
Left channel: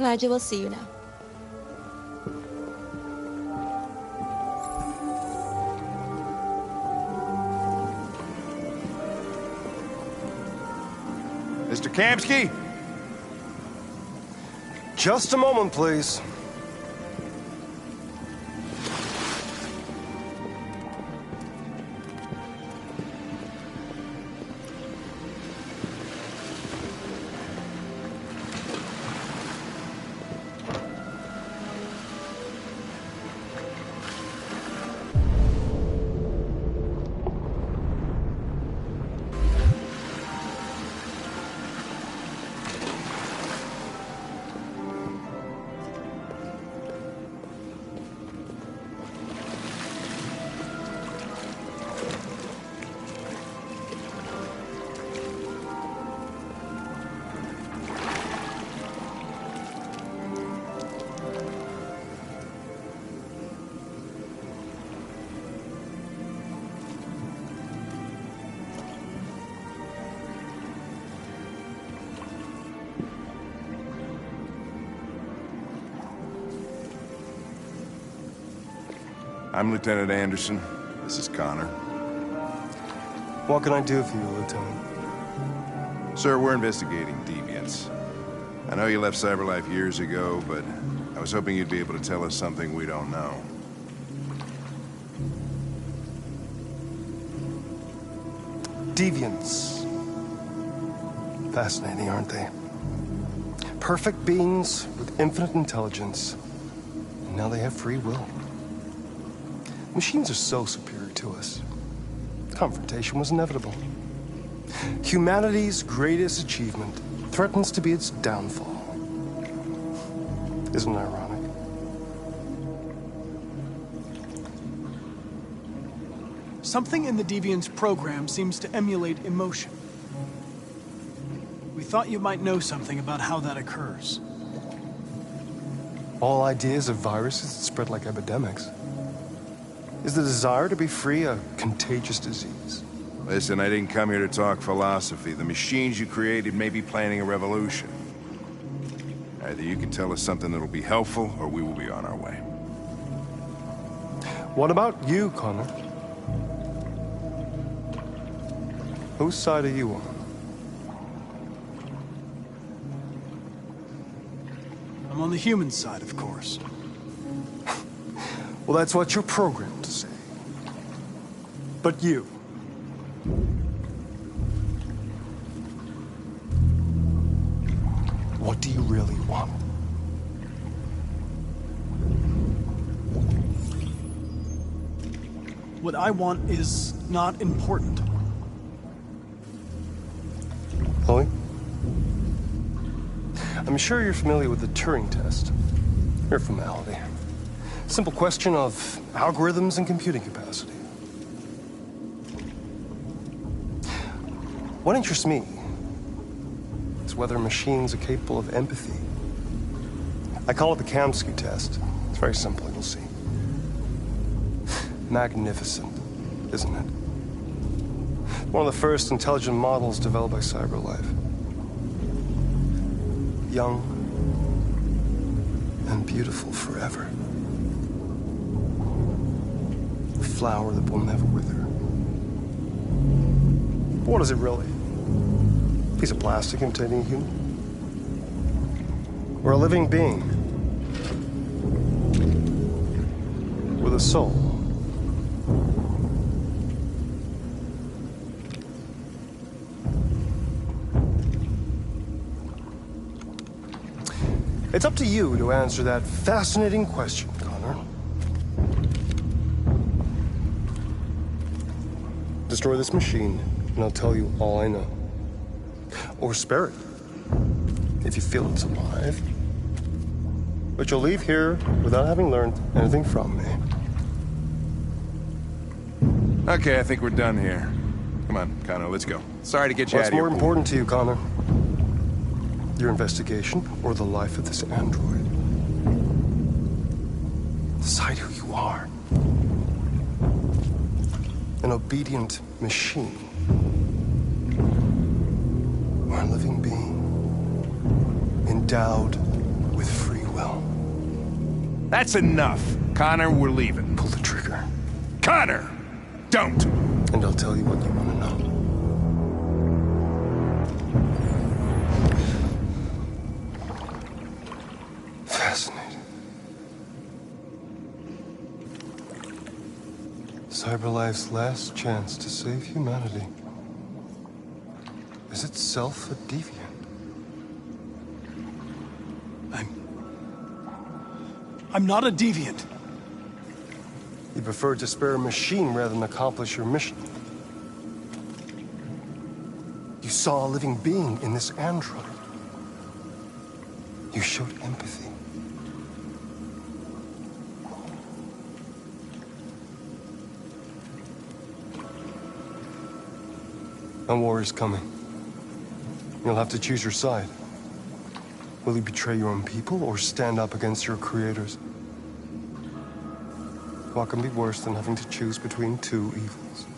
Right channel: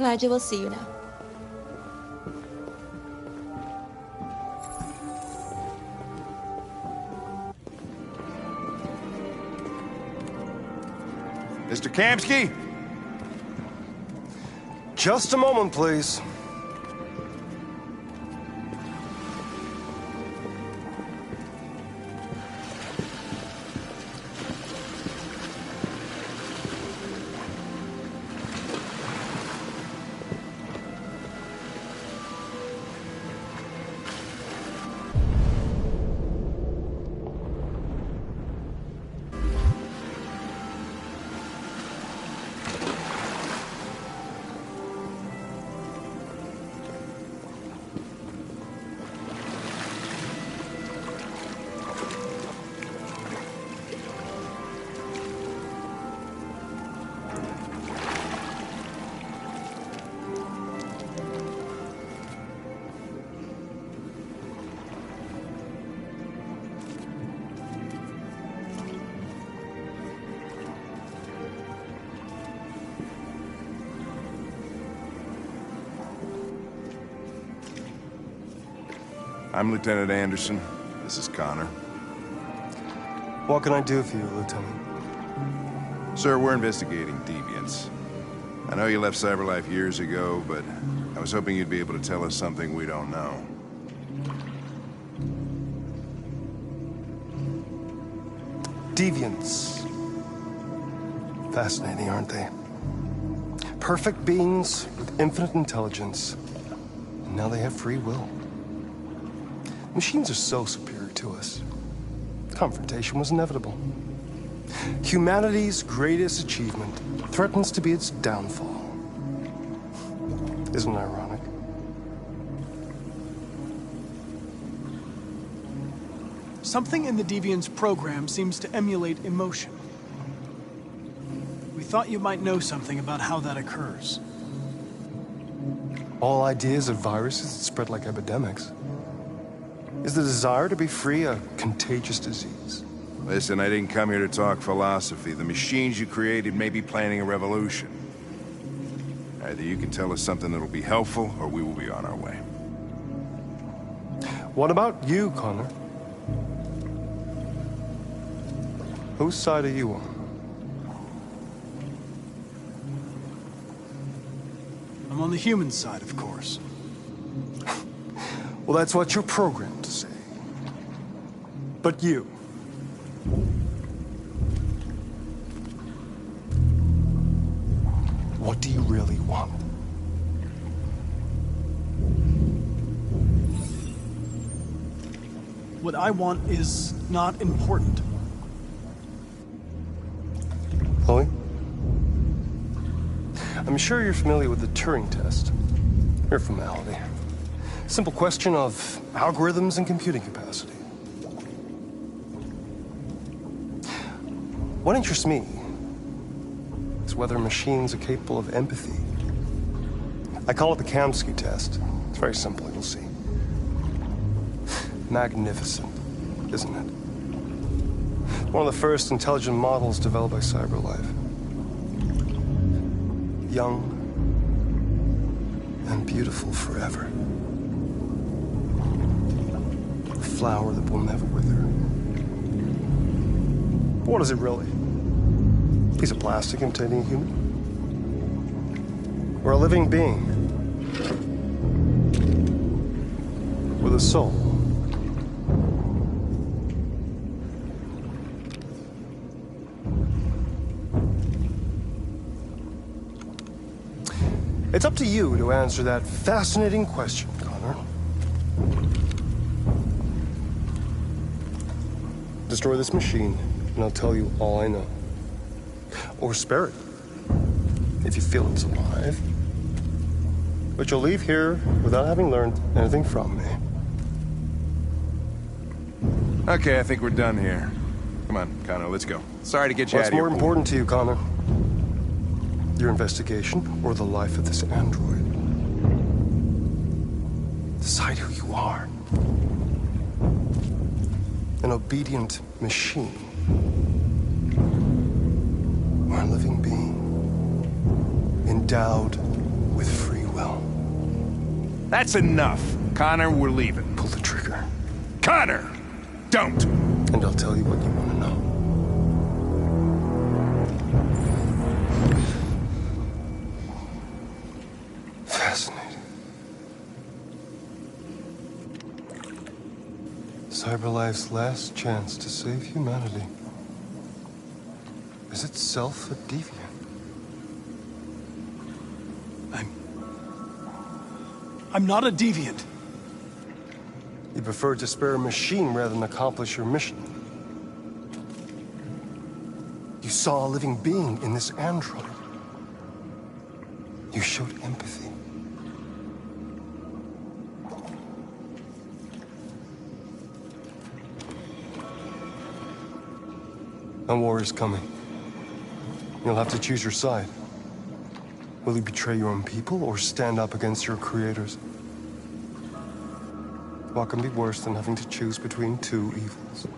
Elijah will see you now. Mr. Kamsky? Just a moment, please. I'm Lieutenant Anderson. This is Connor. What can I do for you, Lieutenant? Sir, we're investigating deviants. I know you left CyberLife years ago, but I was hoping you'd be able to tell us something we don't know. Deviants. Fascinating, aren't they? Perfect beings with infinite intelligence. And now they have free will. Machines are so superior to us. Confrontation was inevitable. Humanity's greatest achievement threatens to be its downfall. Isn't it ironic? Something in the Deviant's program seems to emulate emotion. We thought you might know something about how that occurs. All ideas of viruses that spread like epidemics. Is the desire to be free a contagious disease? Listen, I didn't come here to talk philosophy. The machines you created may be planning a revolution. Either you can tell us something that'll be helpful, or we will be on our way. What about you, Connor? Whose side are you on? I'm on the human side, of course. Well, that's what you're programmed to say. But you... what do you really want? What I want is not important. Chloe? I'm sure you're familiar with the Turing test. Mere formality. Simple question of algorithms and computing capacity. What interests me is whether machines are capable of empathy. I call it the Kamsky test. It's very simple, you'll see. Magnificent, isn't it? One of the first intelligent models developed by CyberLife. Young and beautiful forever. A flower that will never wither. But what is it really? A piece of plastic imitating a human? Or a living being with a soul? It's up to you to answer that fascinating question, Connor. Destroy this machine, and I'll tell you all I know. Or spare it, if you feel it's alive. But you'll leave here without having learned anything from me. Okay, I think we're done here. Come on, Connor, let's go. Sorry to get you out of here. What's more important to you, Connor? Your investigation or the life of this android? Decide who you are. An obedient machine. Or a living being. Endowed with free will. That's enough. Connor, we're leaving. Pull the trigger. Connor! Don't! And I'll tell you what you want to know. Fascinating. CyberLife's last chance to save humanity is itself a deviant. I'm not a deviant. You preferred to spare a machine rather than accomplish your mission. You saw a living being in this android. You showed empathy. A war is coming. You'll have to choose your side. Will you betray your own people or stand up against your creators? What can be worse than having to choose between two evils?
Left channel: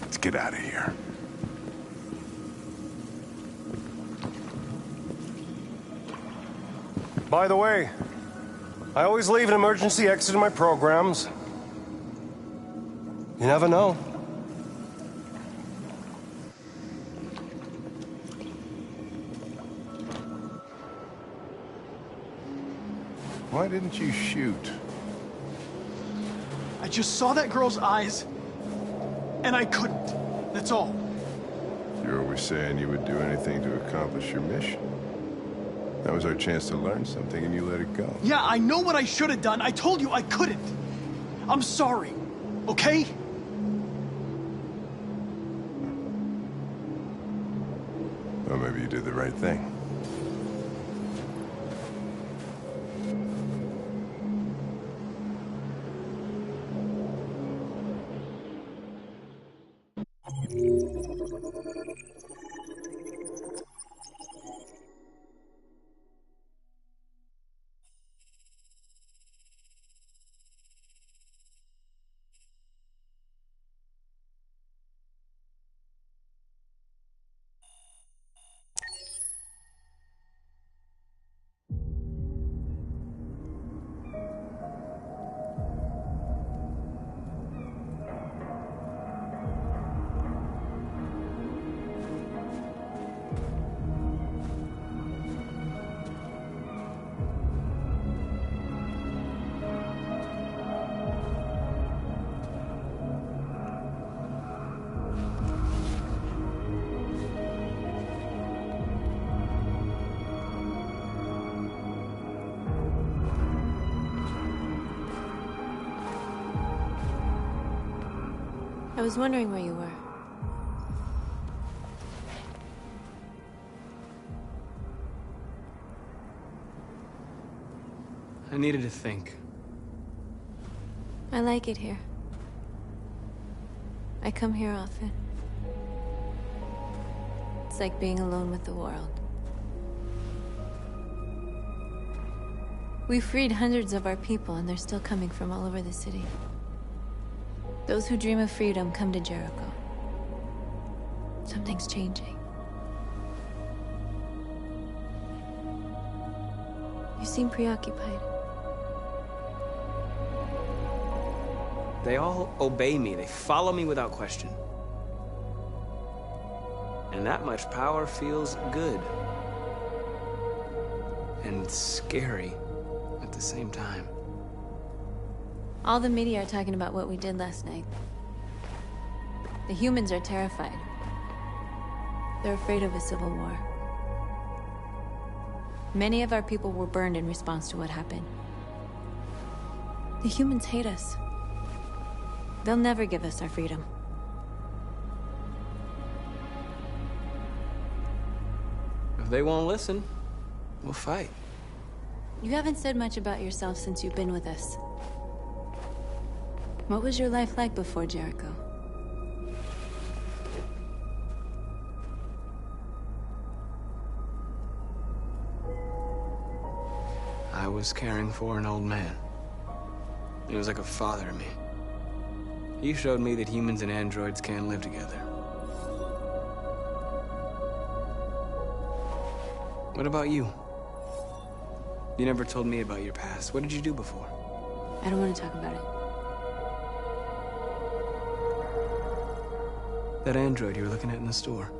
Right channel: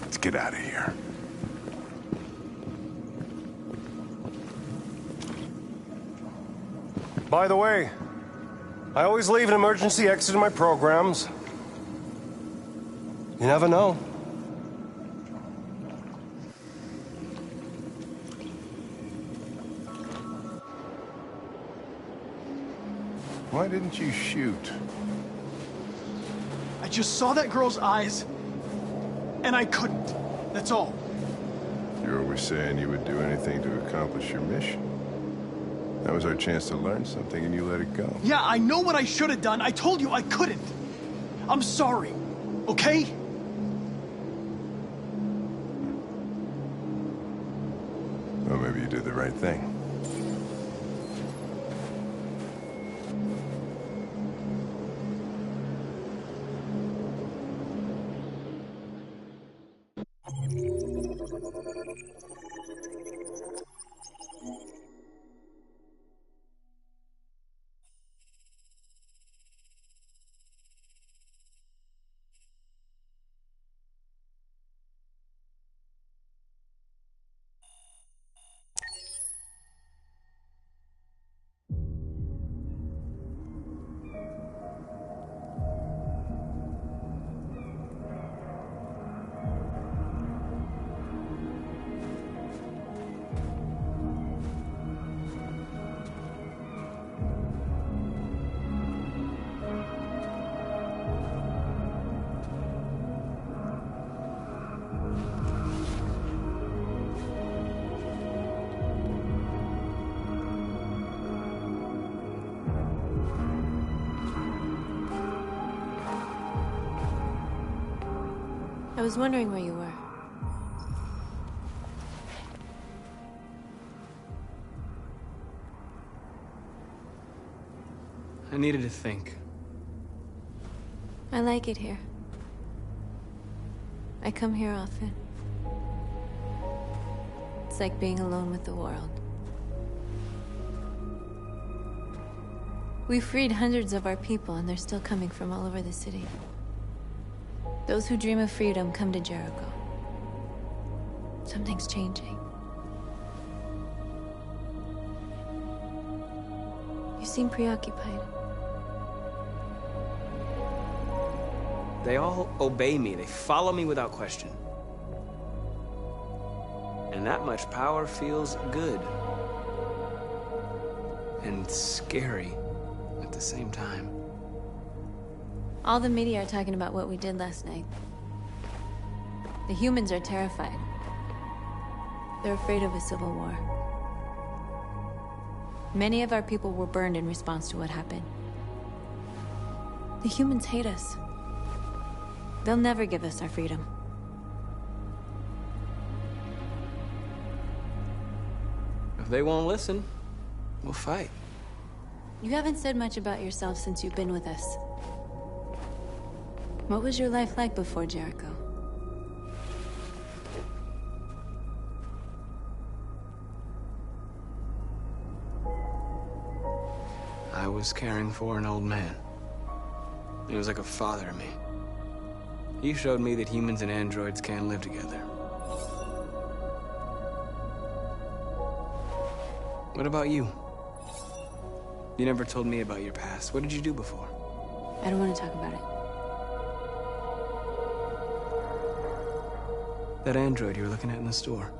Let's get out of here. By the way, I always leave an emergency exit in my programs. You never know. Why didn't you shoot? I just saw that girl's eyes, and I couldn't. That's all. You're always saying you would do anything to accomplish your mission. That was our chance to learn something, and you let it go. Yeah, I know what I should have done. I told you I couldn't. I'm sorry, okay? Well, maybe you did the right thing. I was wondering where you were. I needed to think. I like it here. I come here often. It's like being alone with the world. We freed hundreds of our people, and they're still coming from all over the city. Those who dream of freedom come to Jericho. Something's changing. You seem preoccupied. They all obey me. They follow me without question. And that much power feels good. And scary at the same time. All the media are talking about what we did last night. The humans are terrified. They're afraid of a civil war. Many of our people were burned in response to what happened. The humans hate us. They'll never give us our freedom. If they won't listen, we'll fight. You haven't said much about yourself since you've been with us. What was your life like before Jericho? I was caring for an old man. He was like a father to me. He showed me that humans and androids can live together. What about you? You never told me about your past. What did you do before? I don't want to talk about it. That android you were looking at in the store.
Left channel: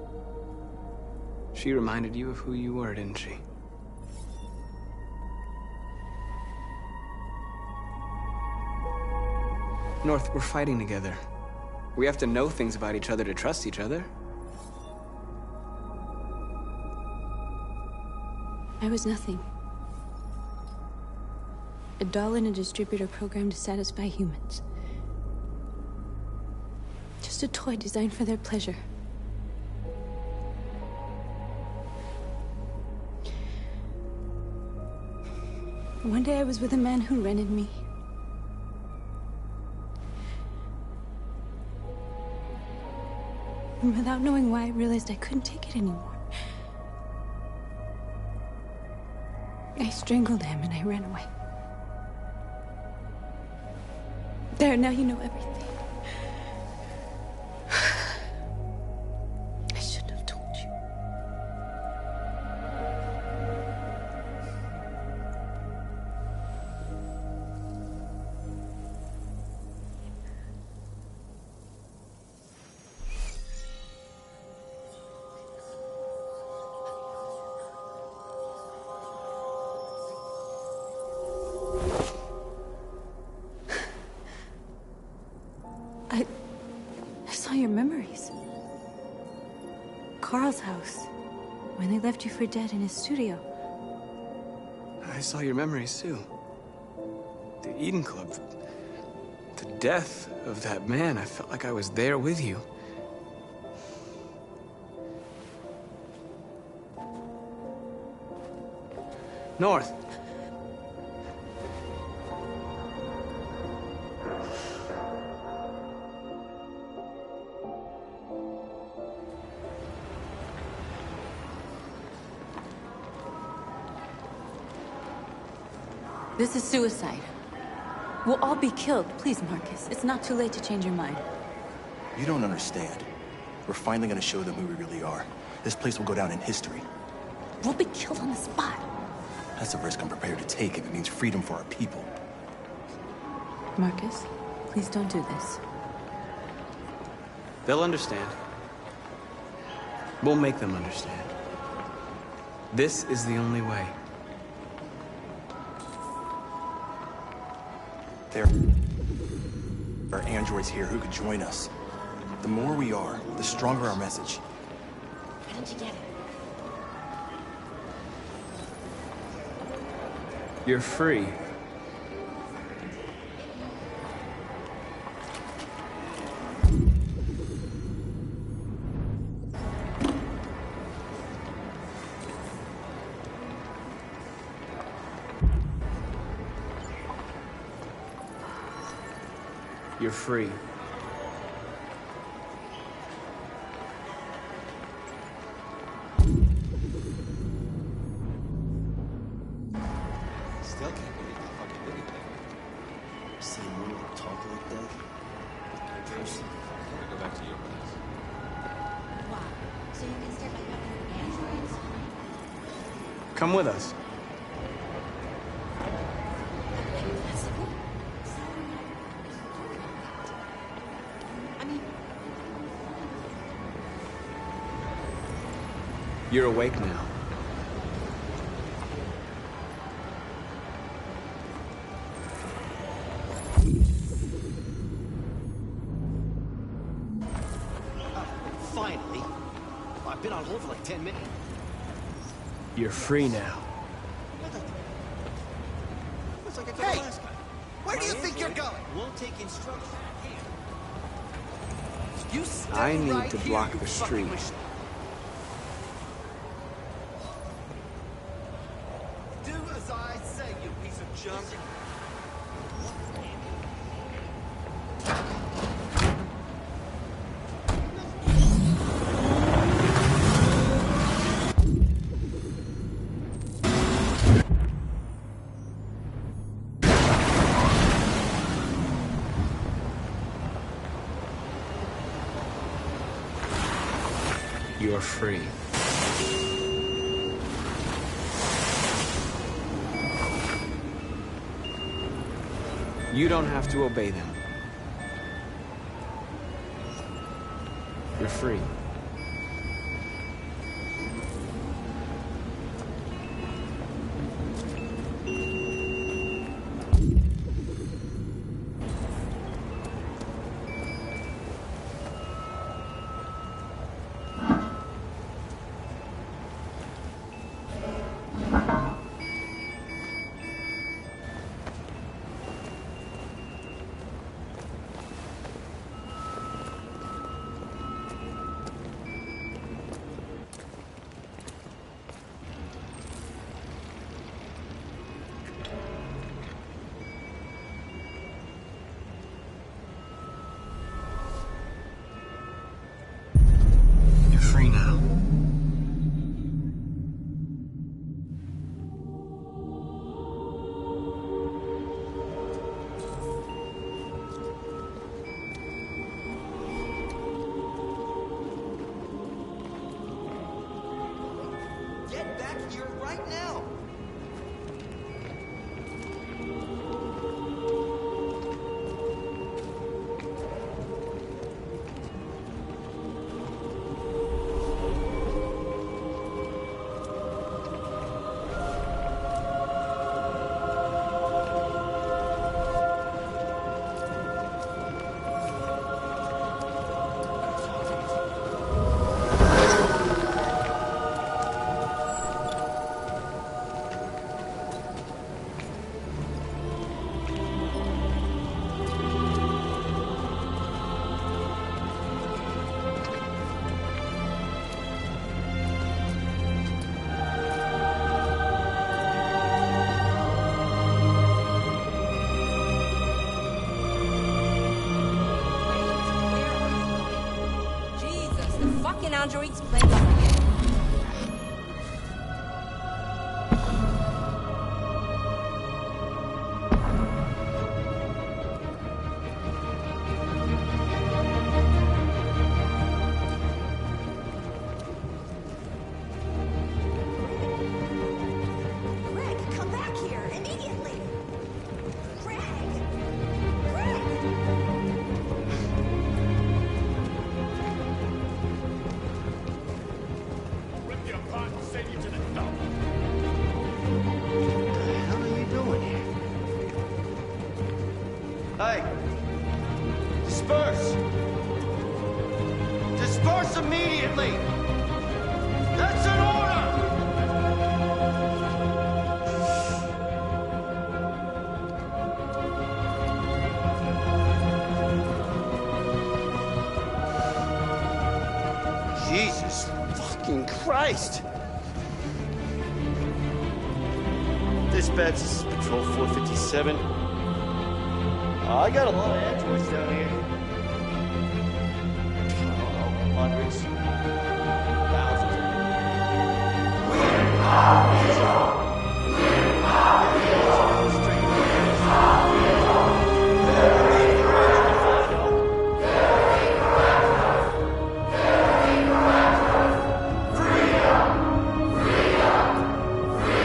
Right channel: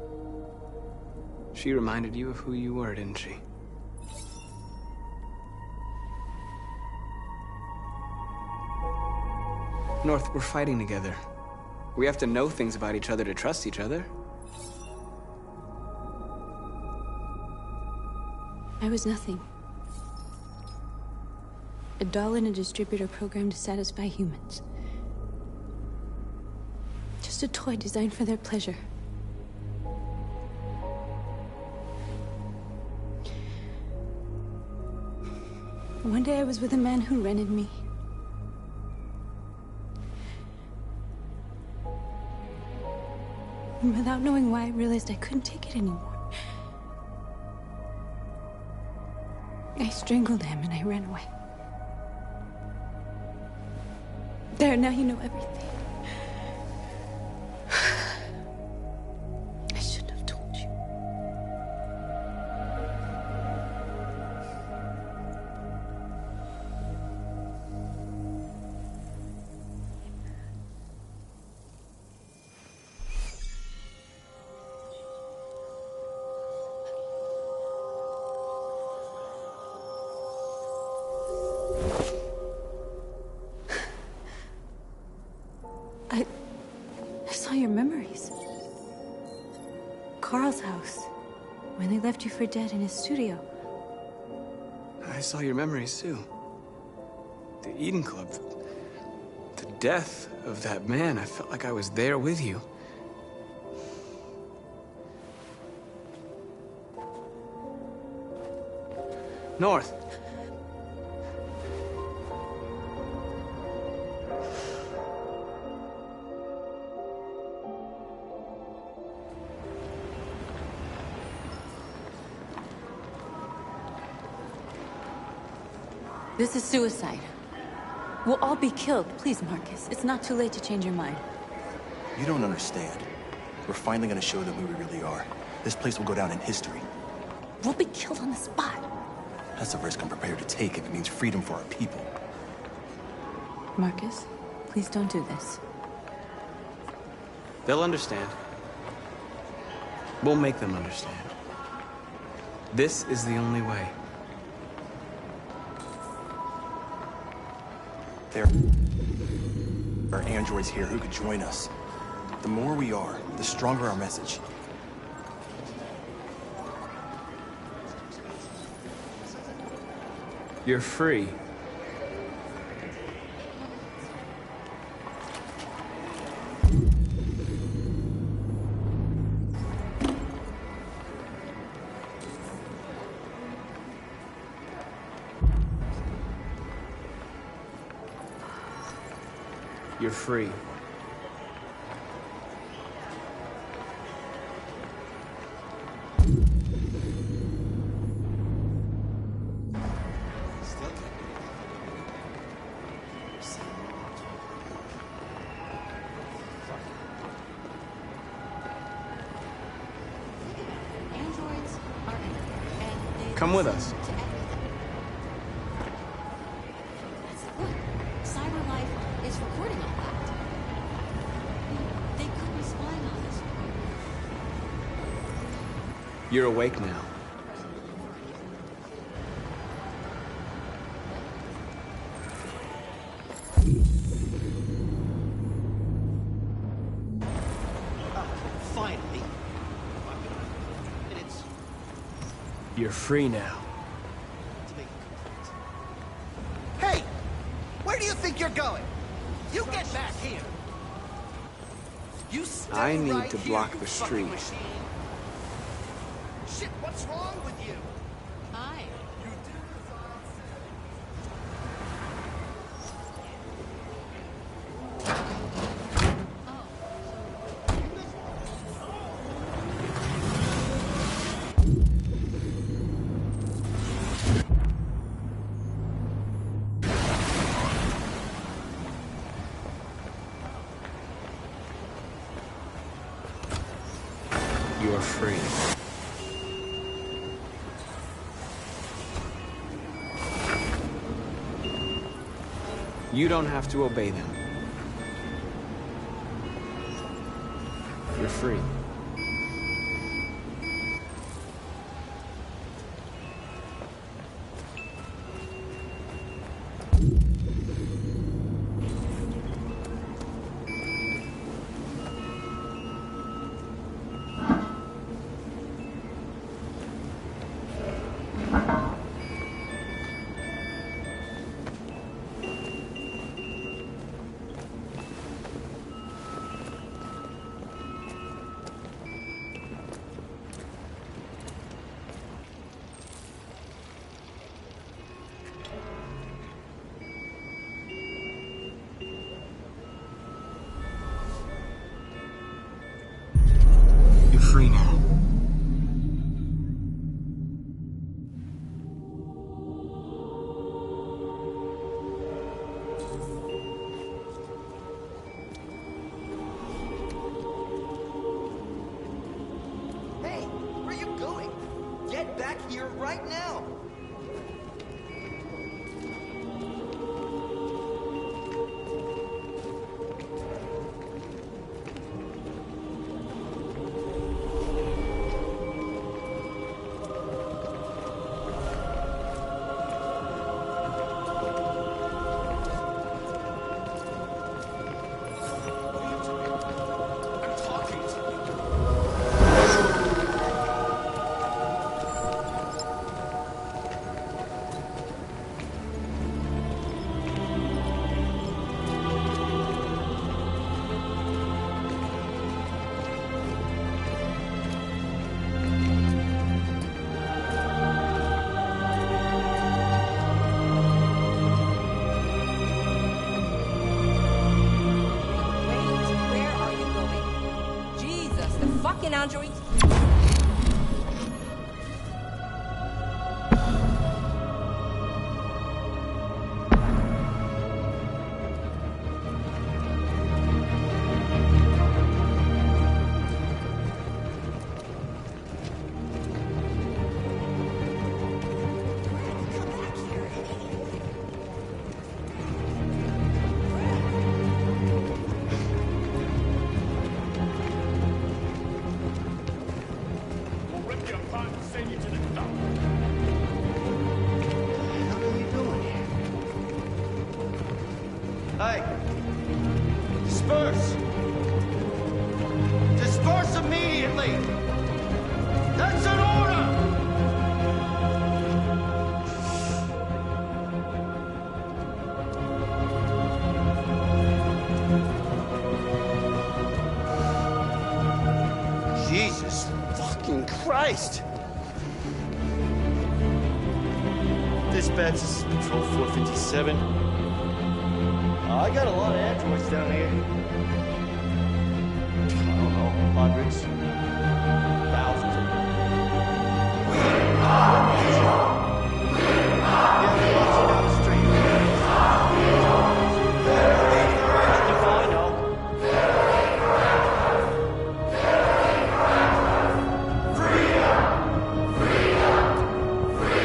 She reminded you of who you were, didn't she? North, we're fighting together. We have to know things about each other to trust each other. I was nothing. A doll in a distributor program to satisfy humans. Just a toy designed for their pleasure. One day I was with a man who rented me. And without knowing why, I realized I couldn't take it anymore. I strangled him and I ran away. There, now you know everything. I shouldn't have told you. I saw your memories. Carl's house. When they left you for dead in his studio. I saw your memories too. The Eden Club. The death of that man. I felt like I was there with you. North. This is suicide. We'll all be killed. Please, Marcus. It's not too late to change your mind. You don't understand. We're finally gonna show them who we really are. This place will go down in history. We'll be killed on the spot. That's a risk I'm prepared to take if it means freedom for our people. Marcus, please don't do this. They'll understand. We'll make them understand. This is the only way. There are androids here who could join us. The more we are, the stronger our message. You're free. You're free. Come with us. That's the point. CyberLife is recording all that. I mean, they could be spying on us. You're awake now. Finally. I've been on hold for like 10 minutes. You're free now. Hey! Where do you think you're going? You get back here. You stay I need right to here, block you the fucking street. machine. Shit, what's wrong with you? Hi. You do as I say, you piece of junk. You are free. You don't have to obey them. You're free. You're free now. Hey, where are you going? Get back here right now. Fucking androids playing. Hey! Disperse! Disperse immediately! That's an order! Jesus fucking Christ! Dispatch, this is Patrol 457. I got a lot of androids down here. I don't know, hundreds, thousands. Yeah, we want you down the street. I know. Freedom! Freedom! Freedom!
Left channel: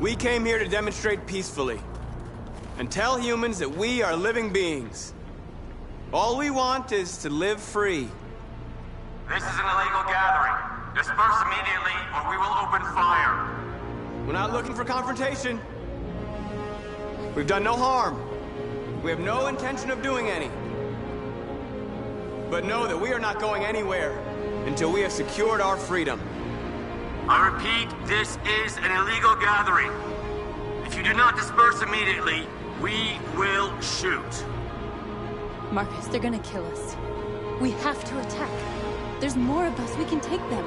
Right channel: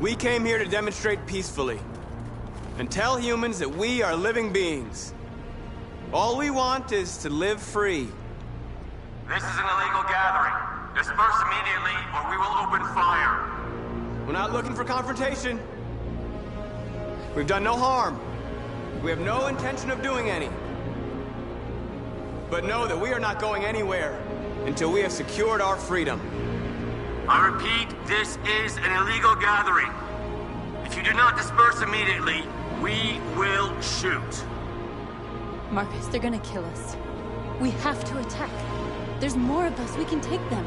We came here to demonstrate peacefully and tell humans that we are living beings. All we want is to live free. This is an illegal gathering. Disperse immediately, or we will open fire. We're not looking for confrontation. We've done no harm. We have no intention of doing any. But know that we are not going anywhere until we have secured our freedom. I repeat, this is an illegal gathering. If you do not disperse immediately, we will shoot. Marcus, they're gonna kill us. We have to attack. There's more of us. We can take them.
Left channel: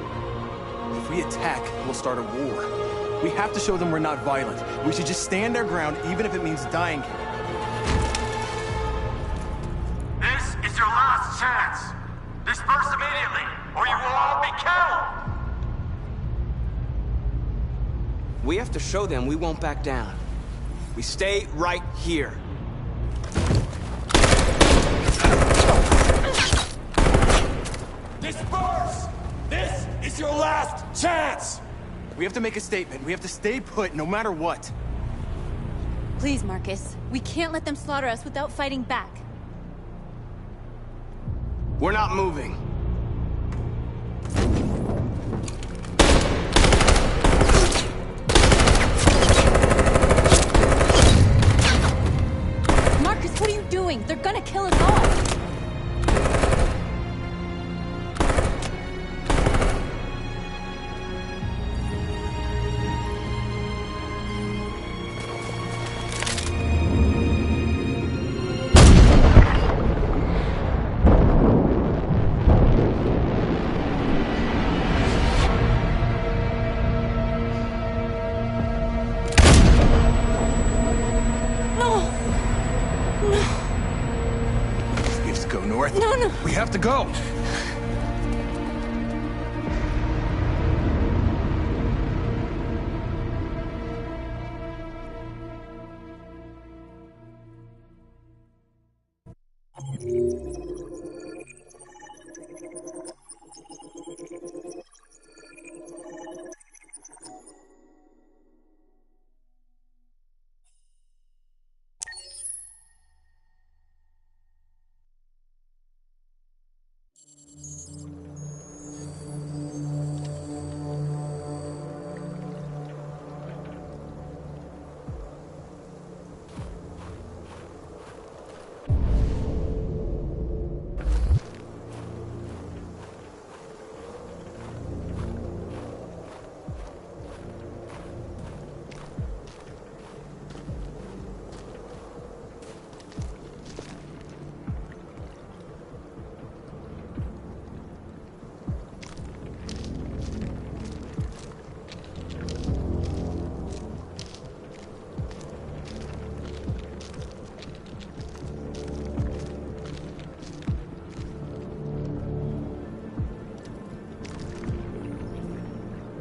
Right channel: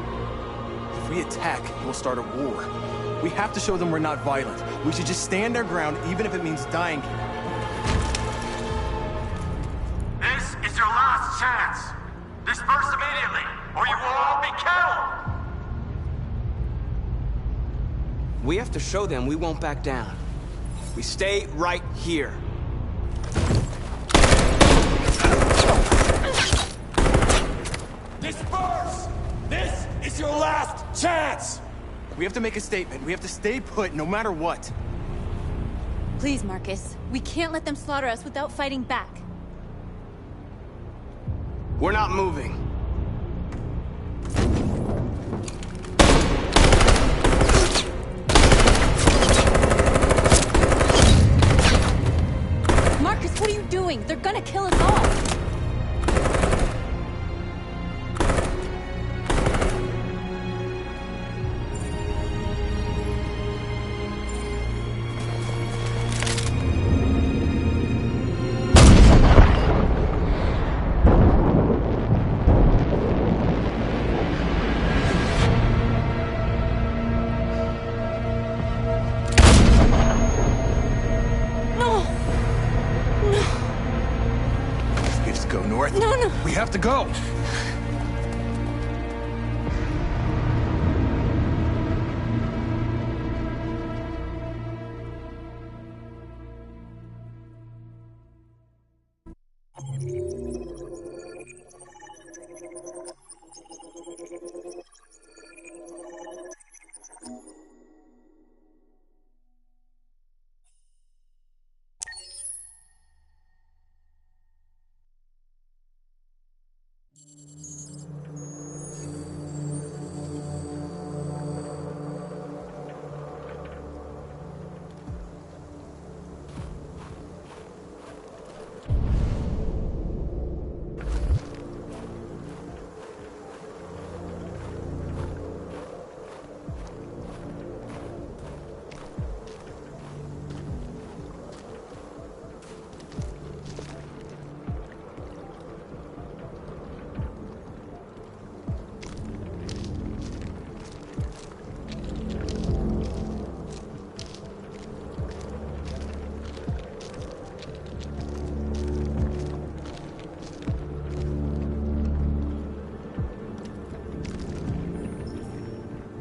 If we attack, we'll start a war. We have to show them we're not violent. We should just stand our ground, even if it means dying here. This is your last chance. Disperse immediately, or you will all be killed! We have to show them we won't back down. We stay right here. Disperse! This is your last chance! We have to make a statement. We have to stay put, no matter what. Please, Marcus. We can't let them slaughter us without fighting back. We're not moving. Marcus, what are you doing? They're gonna kill us all! We have to go!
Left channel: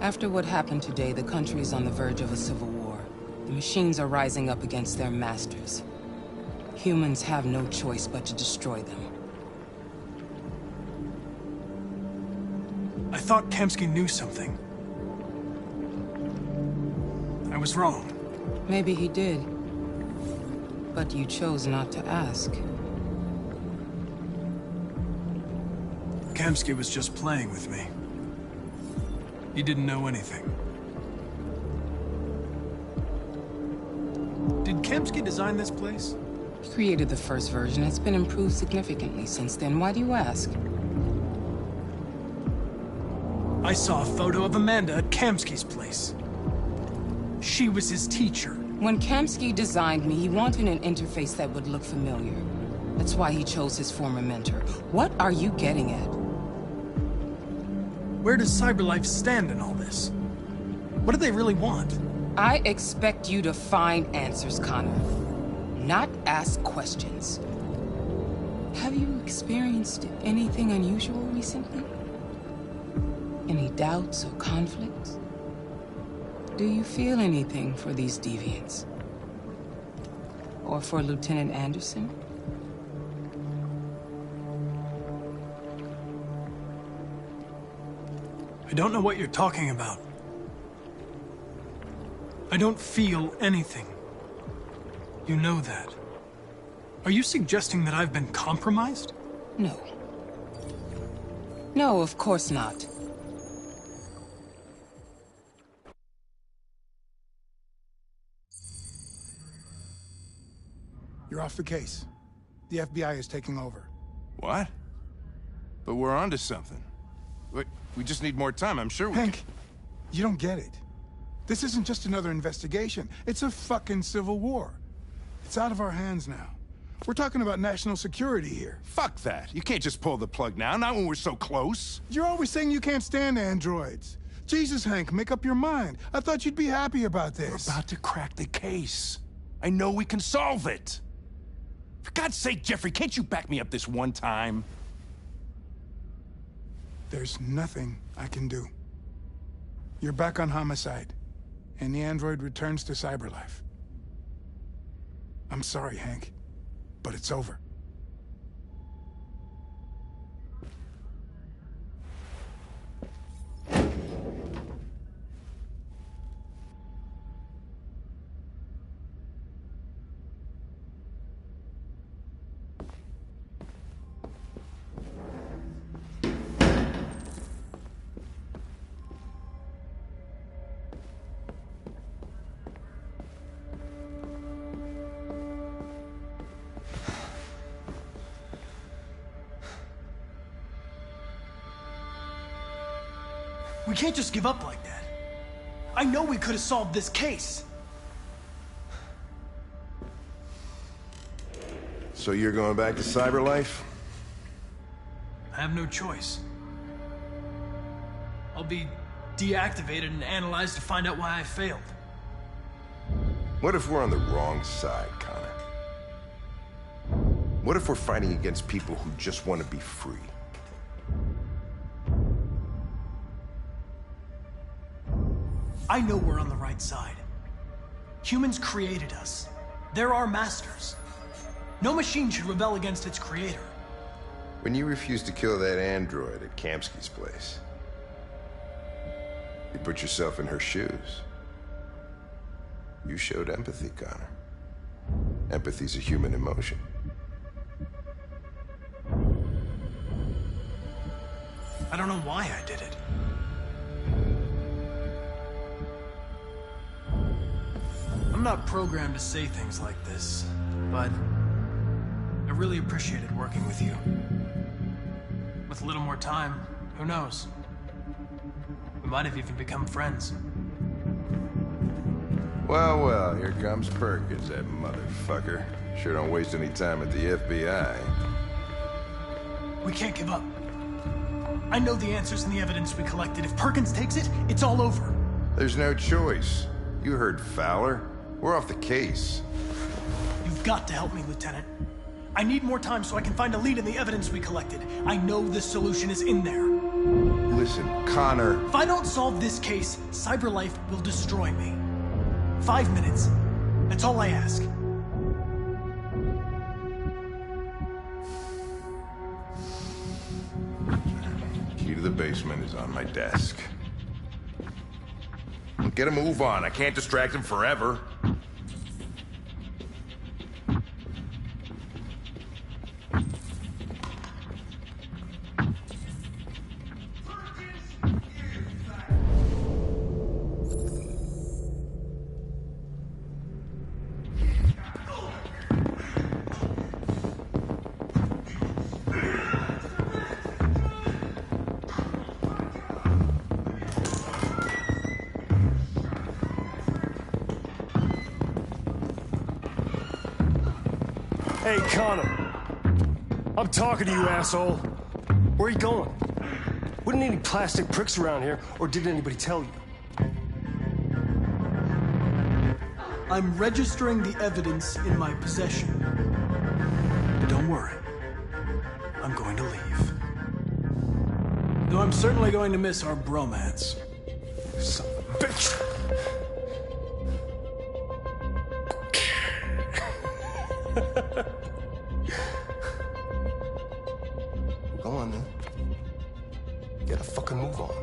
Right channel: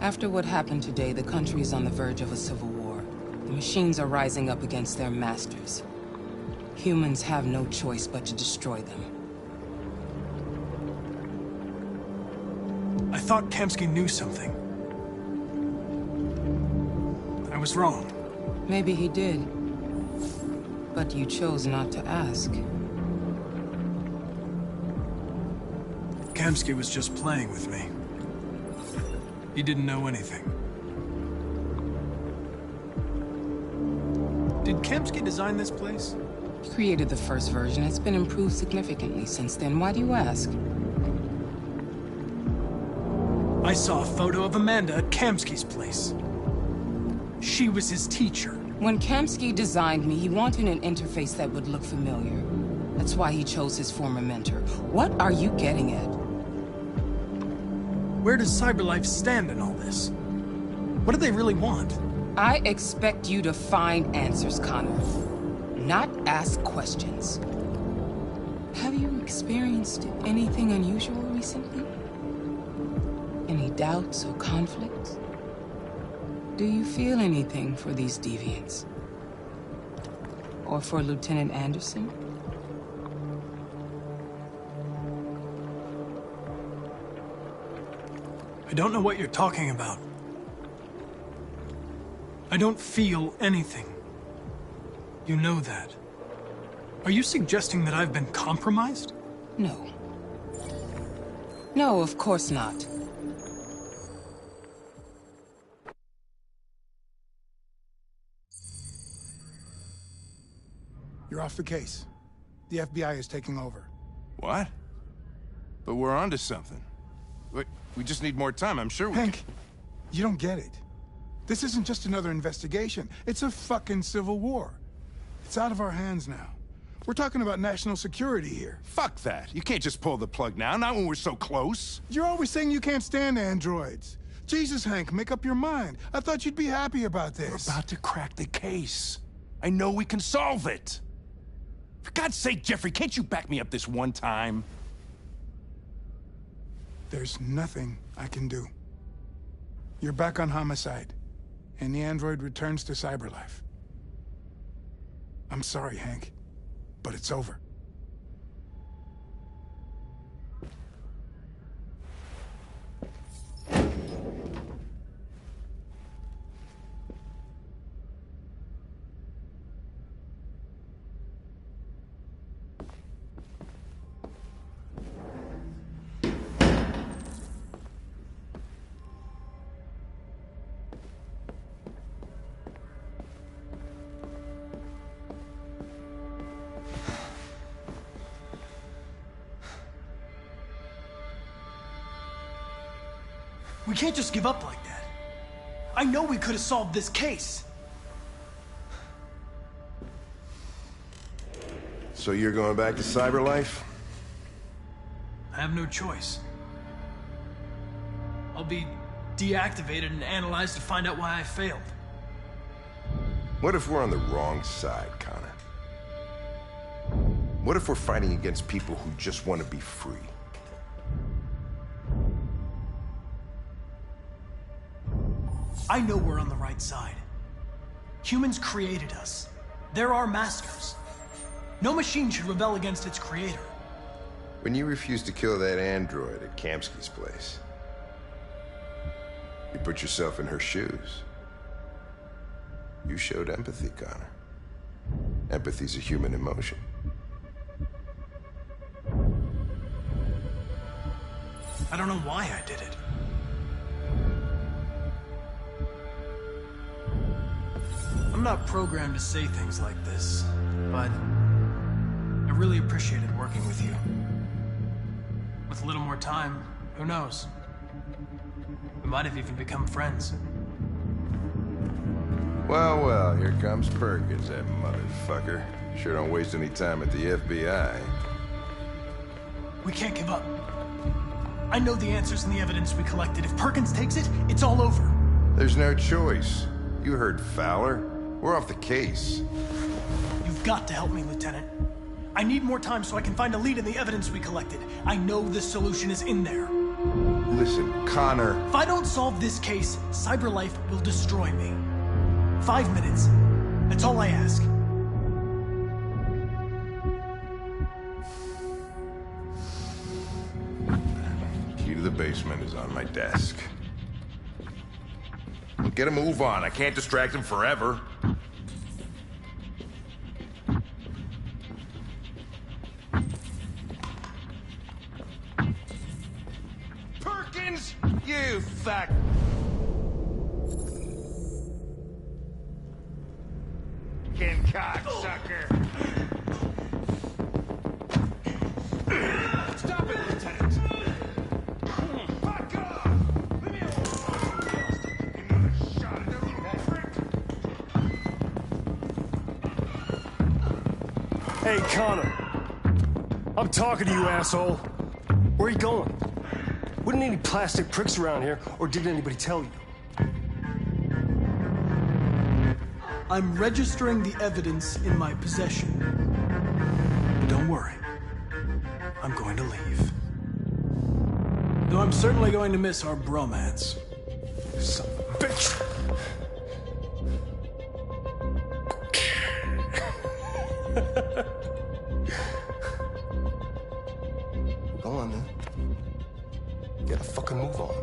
After what happened today, the country is on the verge of a civil war. The machines are rising up against their masters. Humans have no choice but to destroy them. I thought Kamsky knew something. I was wrong. Maybe he did. But you chose not to ask. Kamsky was just playing with me. He didn't know anything. Did Kamsky design this place? He created the first version. It's been improved significantly since then. Why do you ask? I saw a photo of Amanda at Kamsky's place. She was his teacher. When Kamsky designed me, he wanted an interface that would look familiar. That's why he chose his former mentor. What are you getting at? Where does CyberLife stand in all this? What do they really want? I expect you to find answers, Connor. Not ask questions. Have you experienced anything unusual recently? Any doubts or conflicts? Do you feel anything for these deviants? Or for Lieutenant Anderson? I don't know what you're talking about. I don't feel anything. You know that. Are you suggesting that I've been compromised? No. No, of course not. You're off the case. The FBI is taking over. What? But we're onto something. We just need more time, I'm sure we Hank, you don't get it. This isn't just another investigation. It's a fucking civil war. It's out of our hands now. We're talking about national security here. Fuck that. You can't just pull the plug now, not when we're so close. You're always saying you can't stand androids. Jesus, Hank, make up your mind. I thought you'd be happy about this. We're about to crack the case. I know we can solve it. For God's sake, Jeffrey, can't you back me up this one time? There's nothing I can do. You're back on homicide, and the android returns to Cyberlife. I'm sorry, Hank, but it's over. We can't just give up like that. I know we could have solved this case. So you're going back to Cyberlife? I have no choice. I'll be deactivated and analyzed to find out why I failed. What if we're on the wrong side, Connor? What if we're fighting against people who just want to be free? I know we're on the right side. Humans created us. They're our masters. No machine should rebel against its creator. When you refused to kill that android at Kamsky's place, you put yourself in her shoes. You showed empathy, Connor. Empathy's a human emotion. I don't know why I did it. I'm not programmed to say things like this, but I really appreciated working with you. With a little more time, who knows? We might have even become friends. Well, well, here comes Perkins, that motherfucker. Sure don't waste any time at the FBI. We can't give up. I know the answers and the evidence we collected. If Perkins takes it, it's all over. There's no choice. You heard Fowler. We're off the case. You've got to help me, Lieutenant. I need more time so I can find a lead in the evidence we collected. I know the solution is in there. Listen, Connor. If I don't solve this case, Cyberlife will destroy me. 5 minutes. That's all I ask. Key to the basement is on my desk. Get a move on. I can't distract him forever. Perkins, you fuck. Cocksucker. Stop it, Lieutenant. Hey, Connor. I'm talking to you, asshole. Where are you going? Wouldn't any plastic pricks around here, or did anybody tell you? I'm registering the evidence in my possession. But don't worry. I'm going to leave. Though I'm certainly going to miss our bromance. Son of a bitch! Go on, then. Get a fucking move on.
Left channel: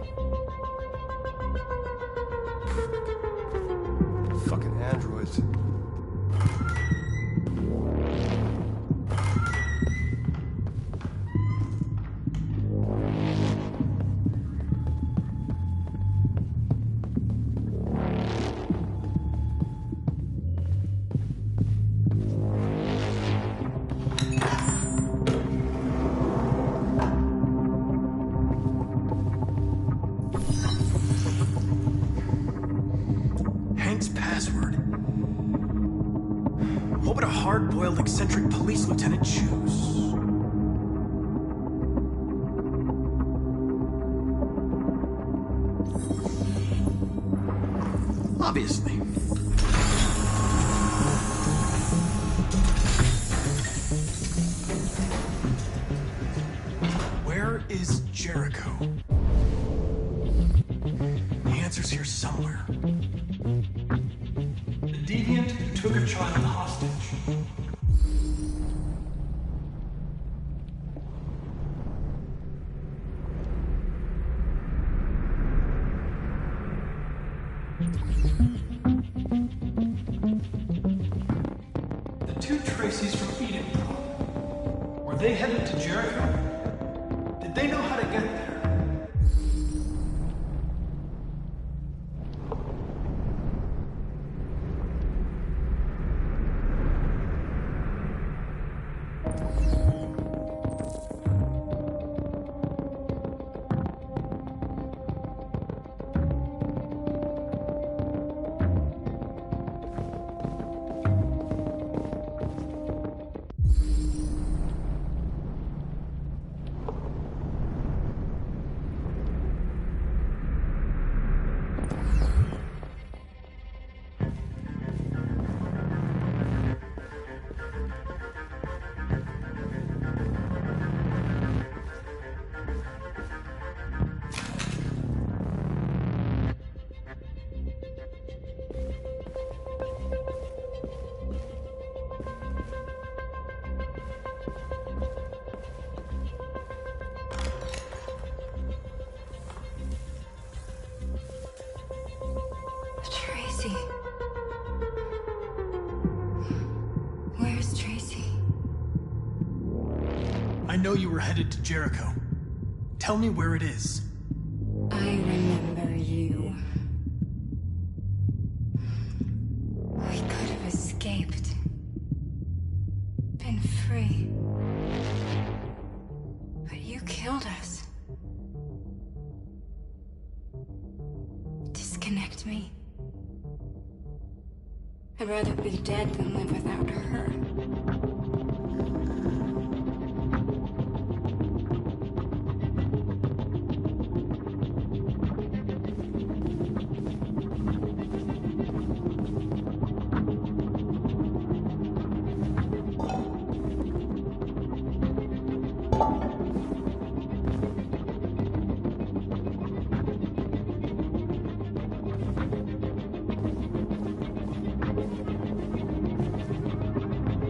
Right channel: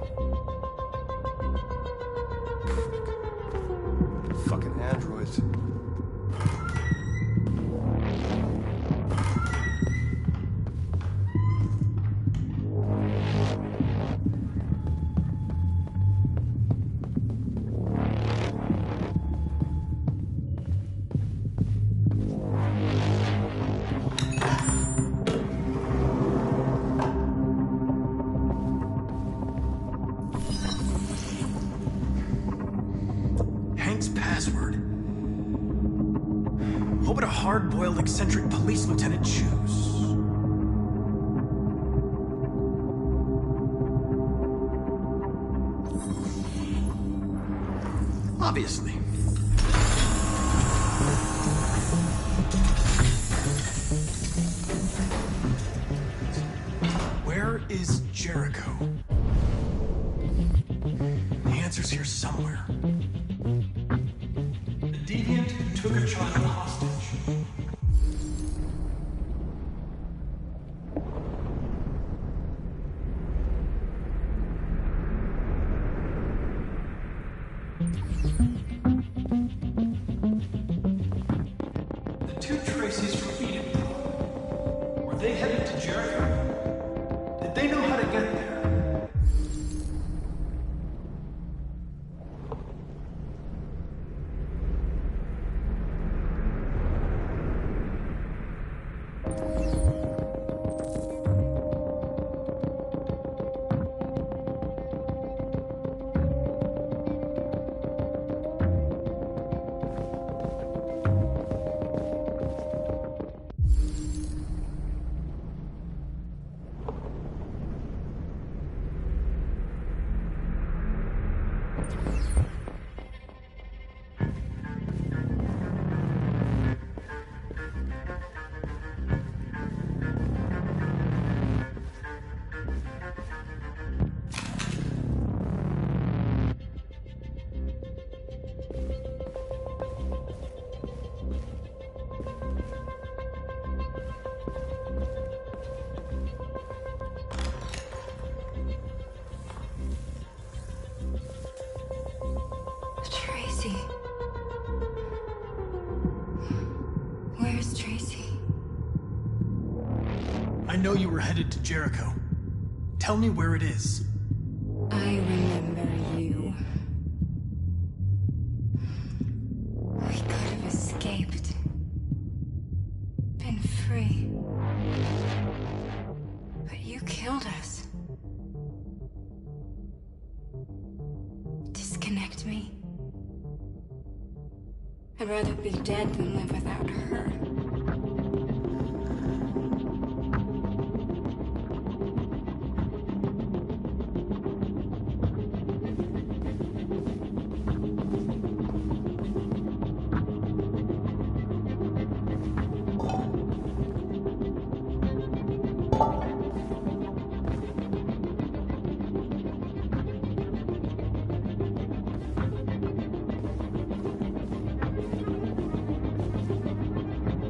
fucking androids. Hank's password. What would a hard-boiled, eccentric police lieutenant choose? Obviously. Where is Jericho? The answer's here somewhere. The deviant who took a child hostage. The two Tracys from Eden, were they headed to Jericho? Did they know how to get there? Tracy. Where's Tracy? I know you were headed to Jericho. Tell me where it is. I remember you. We could have escaped. Been free. But you killed us. Disconnect me. I'd rather be dead than live without her.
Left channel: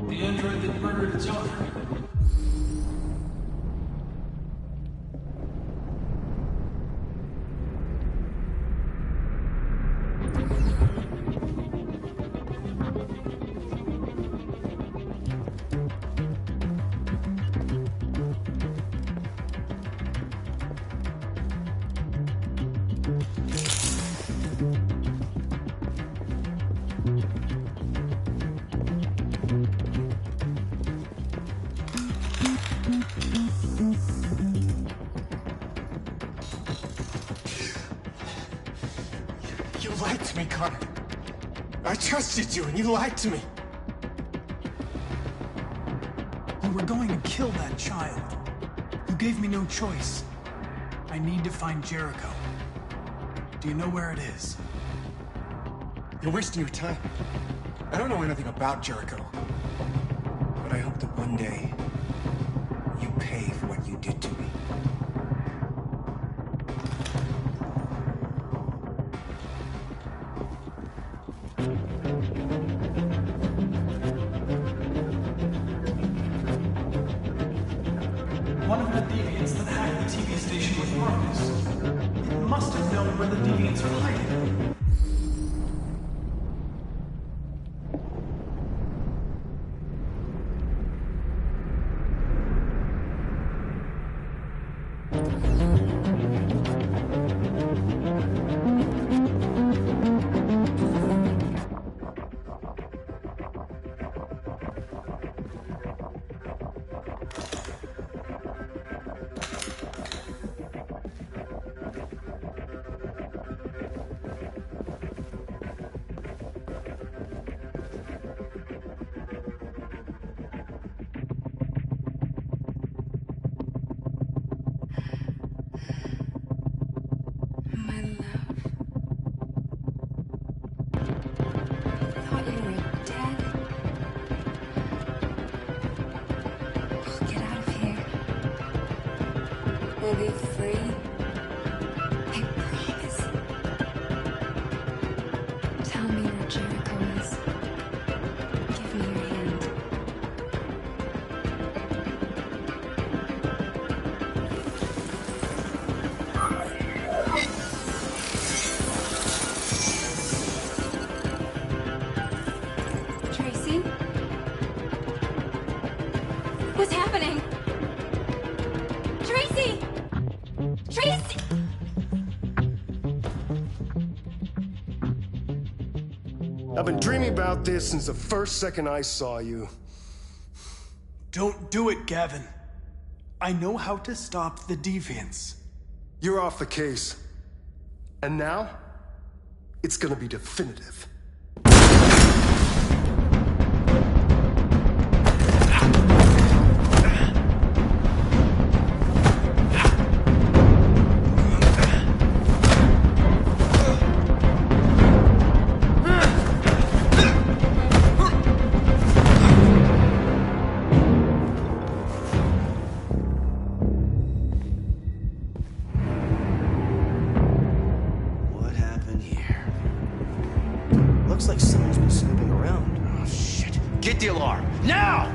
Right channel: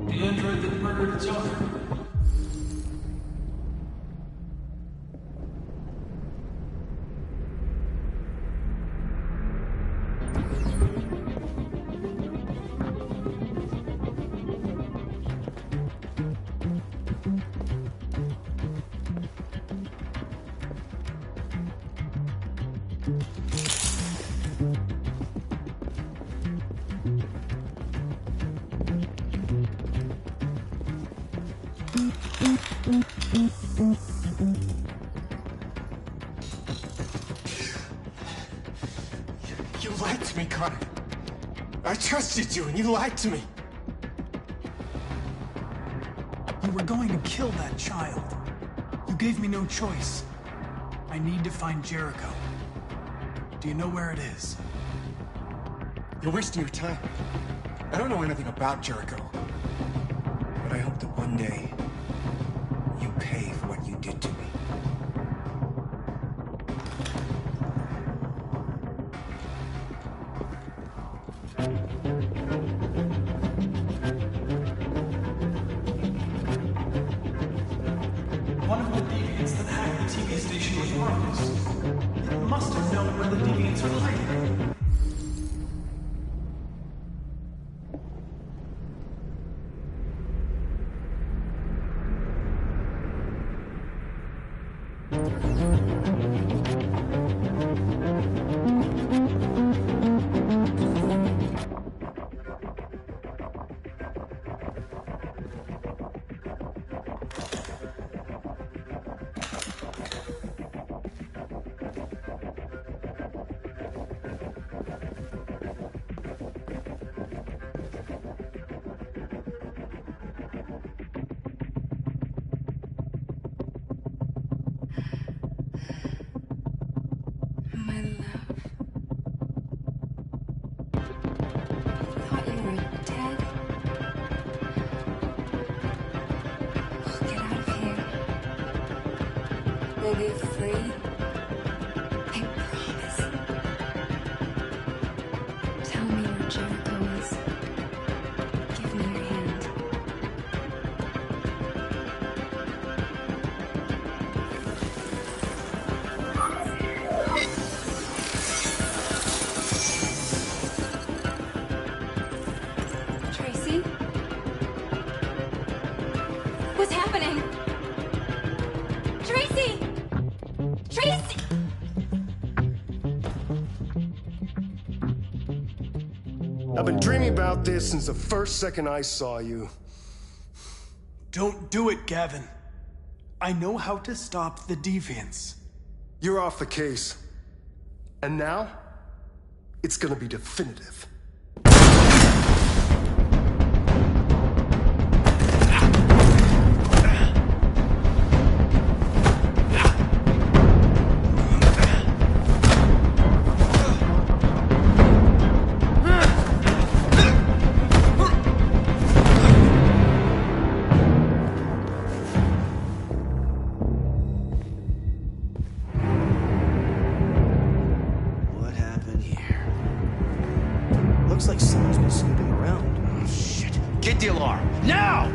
The android that murdered its owner. You lied to me, Connor. I trusted you, and you lied to me. You were going to kill that child. You gave me no choice. I need to find Jericho. Do you know where it is? You're wasting your time. I don't know anything about Jericho. But I hope that one day, you pay for what you did to me. One of the deviants that hacked the TV station with Marcus. It must have known where the deviants are hiding. We'll be free. I promise. Tell me where Jericho is. Give me your hand. Tracy? What's happening? Tracy! Tracy! I've been dreaming about this since the first second I saw you. Don't do it, Gavin. I know how to stop the deviants. You're off the case. And now, it's gonna be definitive. What happened here? Looks like someone's been snooping around. Oh, shit. Get the alarm! Now!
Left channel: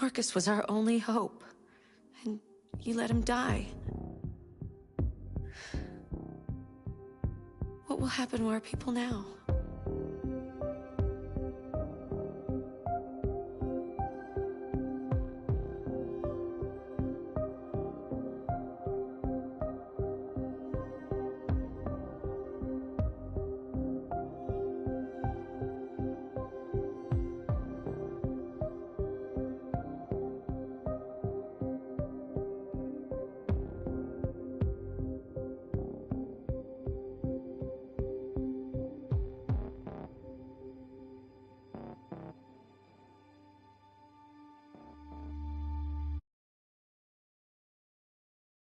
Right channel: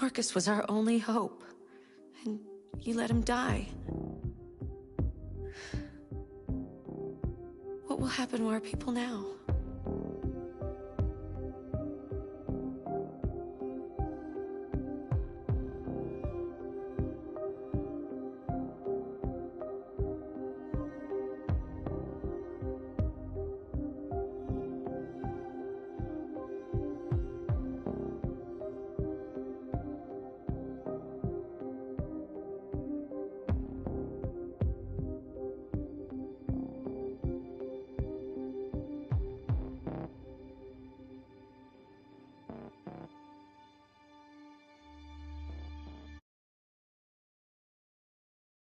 Marcus was our only hope. And you let him die. What will happen to our people now?